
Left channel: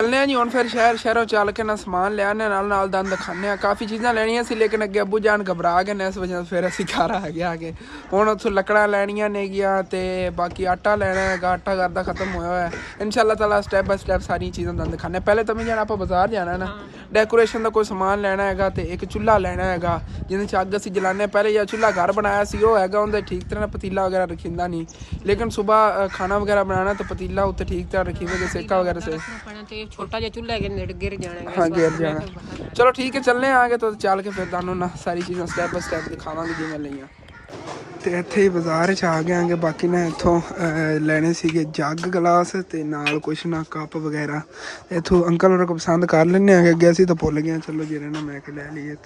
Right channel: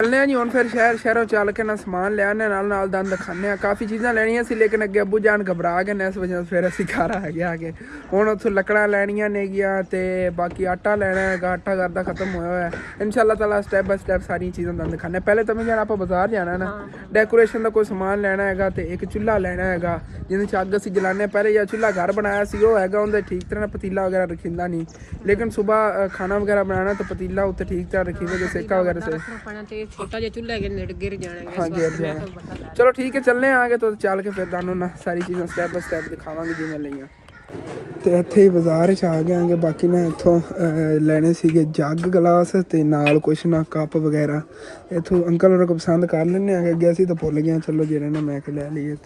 ਚੱਲਨੇ ਆ ਜੀ ਹੁਣ ਫਿਰ ਸ਼ਹਿਰੋਂ ਚੱਲ ਕੇ ਨਾ ਸਮਾਨ ਲਿਆਣੇ ਨਾਲ ਦੰਦ ਦਿਖਾਣੇ ਆ। ਕਾਫੀ ਚੀਜ਼ਾਂ ਲੈਣੀਆਂ ਸੀ ਲੇਕਿਨ ਅੱਗੇ ਅੱਬੂ ਜਾਨ ਘਬਰਾ ਗਏ ਨੇ, ਇਸ ਵਜ੍ਹਾ ਫਿਰ ਅਸੀਂ ਘਰ ਆ ਗਏ ਆਗੇ। ਹੁਣ ਉੱਥੋਂ ਲੱਕੜਾਂ ਲੈਣੀਆਂ ਨੇਗੀਆਂ ਤੇ ਬਾਕੀ ਆਟਾ ਲੈਣਾ ਹੈਗਾ, ਆਟਾ ਘਰ ਦਾ ਖਤਮ ਹੋਇਆ ਹੋਇਆ। ਇਨਸ਼ਾਅੱਲਾ ਤਾਲਾ ਸਟੈਪ ਬਾਈ ਸਟੈਪ ਸਾਰੀਆਂ ਚੀਜ਼ਾਂ ਦੰਦ ਦਿਖਾਣੇ। ਪਹਿਲੇ ਤਾਂ ਜਾਣਾ ਆਪਾਂ ਬਾਜ਼ਾਰ ਜਾਣਾ ਨਾ, ਡੈਕੋਰੇਸ਼ਨ ਦਾ ਕੋਈ ਸਮਾਨ ਲੈਣਾ ਹੈਗਾ ਤੇ ਇੱਕ ਚੁੱਲ੍ਹਾ ਲੈਣਾ ਹੈਗਾ ਜਿਹਦੇ 'ਚ ਅੱਗ ਅਸੀਂ ਜਲਾਉਂਦੇ। ਪਹਿਲੇ ਜਿਹੜਾ ਚੁੱਲ੍ਹਾ ਘਰ ਬਣਾਇਆ ਸੀ ਉਹ ਹੈਗਾ, ਉਹਦੇ ਠੀਕ ਤਰ੍ਹਾਂ ਪਤੀਲਾ ਵਗੈਰਾ ਰੱਖਿੰਦਾ ਨਹੀਂ, ਲੇਕਿਨ ਸੁਬਾਹ ਖਾਣਾ ਵਗੈरह बनाना तो पतीला उत्ते ठीक तरह रखी हुई सेका वगैरह से। छोटा जिहा चूल्हा है गिर जाना। हाँ गिर जाना। चलो ठीक है चलने आगे तो चल के फिर तुहानू ना सारी चीज़ां स्टैप बाय स्टैप दिखावांगे जिवें लईआं। ਤੇ ਇੱਥੇ ਹੀ ਬਾਜ਼ਾਰ 'ਚ ਆ ਗਏ ਆਂਗੇ। ਬਾਕੀ ਨਾ ਇੱਥੋਂ ਲੈਣੇ ਸੀਗੇ ਜੱਗ ਗਲਾਸ ਤੇ ਨਾਲ ਕੁਛ ਨਾ ਕੱਪ ਵਗੈਰਾ। ਇੱਥੋਂ ਅੰਕਲ ਹੋਰਾਂ ਕੋ ਪਸੰਦ ਕਰ ਲੈਣੇ ਆਂਗੇ, ਅੱਗੇ ਅਸੀਂ ਤਾਂ ਭੁੱਲ ਗਏ। ਚਲੋ ਜਿਹੜੇ ਨਾ ਮੈਂ ਕਿ ਲੈ ਲਈਏ।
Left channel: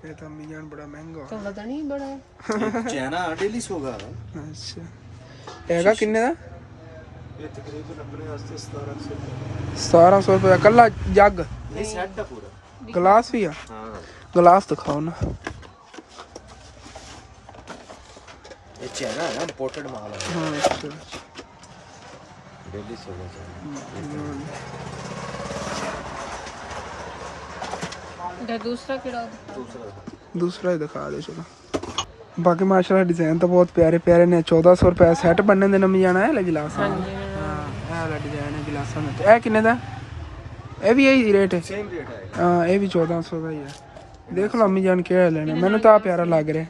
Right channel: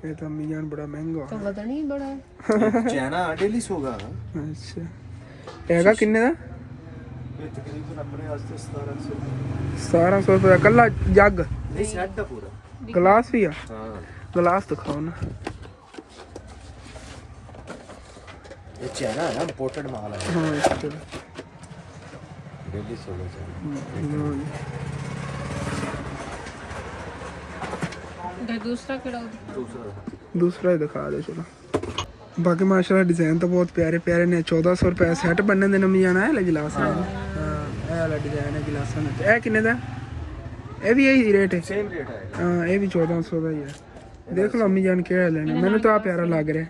ਇਹ ਤਾਂ ਅम्मी जान बड़ा महंगा तो पता नहीं बड़ा चैना डेली सोगा। अच्छा हैगा किन्ने दा? ये तकरीबन अपने वास्ते 1700 1700 रुपये कल्ला जग। ये सेट दा पूरा गिलास भी है। हां गिलास दिखाओ ना। ये चैना है ना, इंपोर्टेड माल है। हाँ इसके डेली सोगा चैना। दूसरा किड़ा दूसरा ही दिखा दो चलो। बाकी माशाल्लाह डिजाइन तो बहुत प्यारे प्यारे ने। 1400 रुपये सैट बनने देना अम्मी जाना है गिलास। हाँ ये वाला डिजाइन है गिलासा में। ए किन्ने दा? ये भी यही रेट है? सेम रेट है। हाँ ये भी 1400 का ही है। देख लो अम्मी जान क्या लेना, मैंने तो प्यारा लग रहा।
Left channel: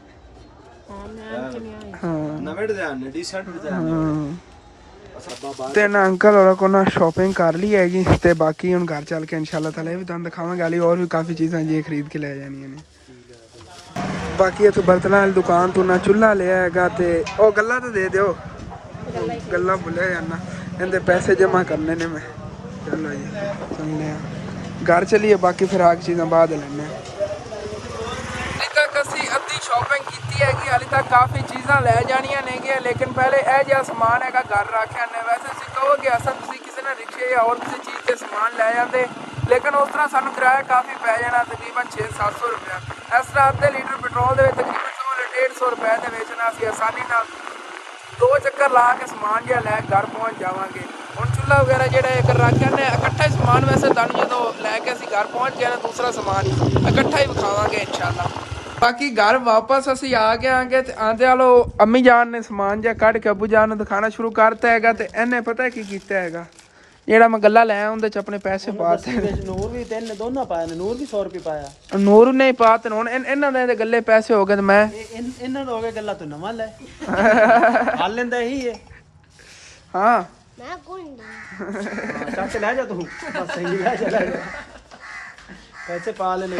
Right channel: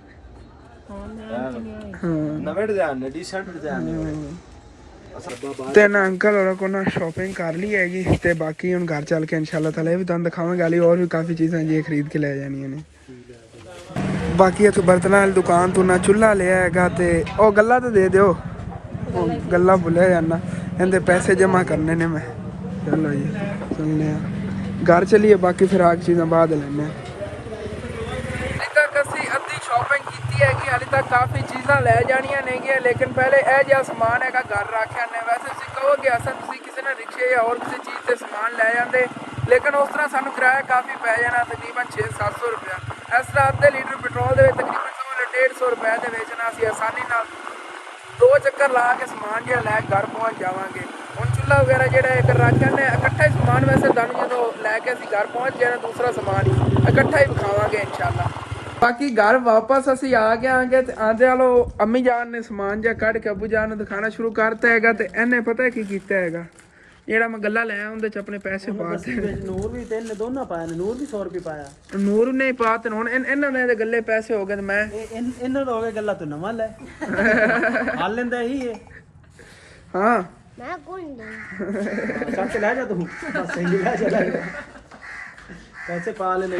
हाँ नवे डिजाइन ने, डिसेंट डिजाइन ने। ਤੇ ਨਾ ਅੰਕਲ ਹੋਰਾਂ ਕੋ ਨਾ ਸ਼ਾਪਿੰਗ ਕਰ ਲਈ ਹੈਗੀ ਤੇ ਬਾਕੀ ਹੁਣ ਘਰ ਚੱਲ ਕੇ ਇਨਸ਼ਾਅੱਲਾ ਤਾਲਾ ਇਹ ਵੀ ਤੁਹਾਨੂੰ ਦਿਖਾਵਾਂਗੇ। ਹਾਲੇ ਹੋਰ ਵੀ ਕਾਫੀ ਚੀਜ਼ਾਂ ਜੀ ਖਰੀਦ ਕੇ ਲੈ ਜਾਣੀਆਂ ਨੇ। ਬਾਕੀ ਇੱਥੇ ਬਰਤਨਾਂ ਵਾਲੀ ਦੁਕਾਨ ਤੋਂ ਨਾ ਚੁੱਲ੍ਹਾ ਲਿਆ ਹੈਗਾ ਤੇ ਉਹ ਗੱਲਾਂ ਤਾਂ ਦੇ ਦਿਓ, ਉਹ ਗੱਲਾਂ ਭੁੱਲਿਆ ਜਾਣਾ, ਇਹਦੇ ਪੈਸੇ ਜਮ੍ਹਾਂ ਕਰਨੇ ਨੇ ਮੈਂ। ਚਲੋ ਜੀ ਚੱਲਦੇ ਆ ਘਰ ਚਲੀਏ, ਬਾਕੀ ਫਿਰ ਆ ਕੇ ਚੀਜ਼ਾਂ ਬਾਅਦ ਲੈਣੇ ਆ। ਅਸੀਂ ਅੱਧੀ ਸ਼ਾਪਿੰਗ ਕੀਤੀ ਹੈਗੀ, ਹਾਲੇ ਤੱਕ ਕਾਫੀ ਚੀਜ਼ਾਂ ਲੈ ਜਾਣੀਆਂ ਨੇਗੀਆਂ, ਲੇਕਿਨ ਪਹਿਲੇ ਇਹ ਜਿਹਾ ਸਮਾਨ ਹੈਗਾ ਘਰ ਰੱਖ ਆਉਂਦੇ। ਵੈਸੇ ਤੁਸੀਂ ਕਹੋਗੇ ਅਸਾਂ ਤੁਸੀਂ ਕਿਸੇ ਨੇ ਰਿਕਸ਼ੇ ਜਾਂ ਹੋਰ ਕਿਸੇ ਚੀਜ਼ 'ਤੇ ਸਮਾਨ ਲੈ ਜਾਂਦੇ, ਲੇਕਿਨ ਉਸ ਤਰ੍ਹਾਂ ਸਾਨੂੰ ਕਿਰਾਇਆ ਕਾਫੀ ਪੈ ਜਾਣਾ, ਤਕਰੀਬਨ 600-700 ਰੁਪਇਆ। ਇਸ ਤਰ੍ਹਾਂ ਅੱਧੇ ਲੀਟਰ ਪੈਟਰੋਲ ਦੇ ਵਿੱਚ ਤਕਰੀਬਨ 100-150 ਰੁਪਏ ਦੇ ਵਿੱਚ ਨਾ ਅਸੀਂ ਆਸਾਨੀ ਨਾਲ 2 ਚੱਕਰ ਲਾ ਕੇ ਸਮਾਨ ਜਿਹੜਾ ਲੈ ਘਰ ਪਹੁੰਚ ਜਾਵਾਂਗੇ। ਹੁਣ ਚੁੱਲ੍ਹਾ ਵਗੈਰਾ ਜਿਹੜਾ ਇੱਕ ਰੱਖ ਜਾਂਦੇ ਇਕੱਠਾ ਹੀ ਸਮਾਨ। ਵੈਸੇ ਤੁਹਾਨੂੰ ਜਦੋਂ ਲੈ ਕੇ ਅਸੀਂ ਘਰ ਪਹੁੰਚ ਗਏ ਨਾ ਦੂਸਰਾ ਸਮਾਨ ਇਕੱਠਾ ਹੀ ਵਿਖਾਵਾਂਗੇ ਇਨਸ਼ਾਅੱਲਾ। ਬਾਕੀ ਘਰ ਵਾਪਸ ਅਸੀਂ ਆ ਗਏ ਆਂਗੇ ਤੇ ਆਂਦੇ ਵਾਲੋ ਅੰਮੀ ਜਾਨ ਨੇ ਸਮਾਨ ਜਿਹਾ ਕੱਢ ਕੇ ਅੱਬੂ ਜਾਨ ਨੂੰ ਦਿਖਾਣਾ ਸ਼ੁਰੂ ਕਰਤਾ ਹੈਗਾ ਤੇ ਇਹਨੇ ਪਤਾ ਕੀ ਕੀਤਾ ਹੈਗਾ, ਜਿਹੜਾ ਮੈਂ ਗੱਲਾਂ ਲੈ ਉਹਦੇ 'ਚ ਆਪਣੇ ਪੈਸੇ ਪਾ ਦਿੱਤੇ। ਨੂਰ ਵੀ ਤਿੰਨ ਦੋਨਾਂ ਪਾਏ ਨੇ, ਨੂਰ ਵੀ 100 ਰੁਪਏ ਪਾਇਆ, ਨੂਰ ਨੇ ਪਾ ਤੇ ਹੁਣ ਇਹਨਾਂ ਦੇ ਗੱਲੇ ਪੈਸੇ ਹੋ ਗਏ ਤੇ ਮੈਂ ਇਹਨਾਂ ਦਾ ਹੋ ਗਿਆ ਗੱਲਾਂ ਤੂੰ ਨਵਾਂ ਲੈ ਹਾਲ ਲੈਂਦਾ ਇਹੀ ਹੈ। ਹਾਂ मैं कौन ਸਭ ਸੇ ਲੈ ਜਾ ਤੂੰ ਪੈਸੇ ਪਾ ਲੈ ਲੈ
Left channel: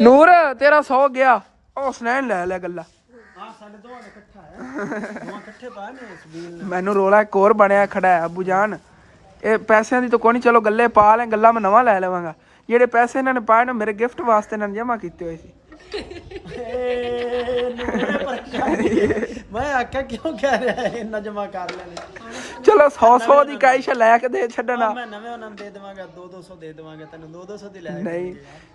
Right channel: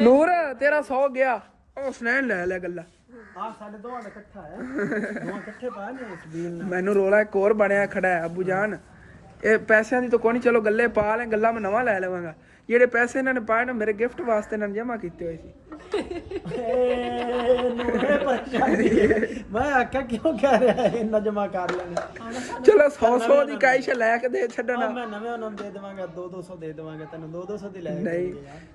ਨੂਰ ਤੇਰਾ 100 ਗਿਆ, ਉਹ ਸੁਨੈਣ ਲੈ ਲਿਆ ਗੱਲਾਂ। ਆ ਸਾਡੇ ਦੋਵਾਂ ਦਾ ਇਕੱਠਾ ਹੈ, ਦੋਵਾਂ ਇਕੱਠੇ ਪਾ ਨੇ ਇਸ ਬੀਨ। ਮੈਨੂੰ ਰੋਲਾ ਇੱਕ ਹੋਰ ਬਣਿਆ ਖੜਾ ਹੈ ਅੱਬੂ ਜਾਨ, ਇਹ ਪੈਸਿਆਂ ਦੀ ਤਾਂ ਕੋਈ ਨਹੀਂ, ਚਲੋ ਗੱਲੇ ਪਾ ਲੈ, ਗੱਲਾਂ ਮੈਂ ਨਵਾਂ ਲੈ ਲਵਾਂਗਾ। ਜਿਹੜੇ ਪੈਸੇ ਇਹਨਾਂ ਨੇ ਪਾਏ ਨਾ ਮੇਰੇ ਗਿਫਟ ਵਾਸਤੇ ਇਹਨਾਂ ਨੇ ਜਮ੍ਹਾਂ ਕੀਤੇ ਹੋਏ ਸੀ। ਮੈਂ ਆਖਿਆ ਕਿਉਂ ਕਹਿ ਰਿਹਾ ਇੰਨਾ ਜਮਾ ਕਰ ਲੈਣੇ। ਚਲੋ 100 ਦੀ ਕਾਇਸ਼ ਲੈ ਕੇ ਦੇ ਛੱਡਣਾ। ਮੈਂ ਨਵੇਂ ਉਹਨਾਂ ਨੂੰ ਦੇ ਦੇਵਾਂਗਾ, 200 ਦੇ ਦੇਵਾਂਗਾ ਤੈਨੂੰ, 200 ਦੀ ਲੈ ਨਹੀਂ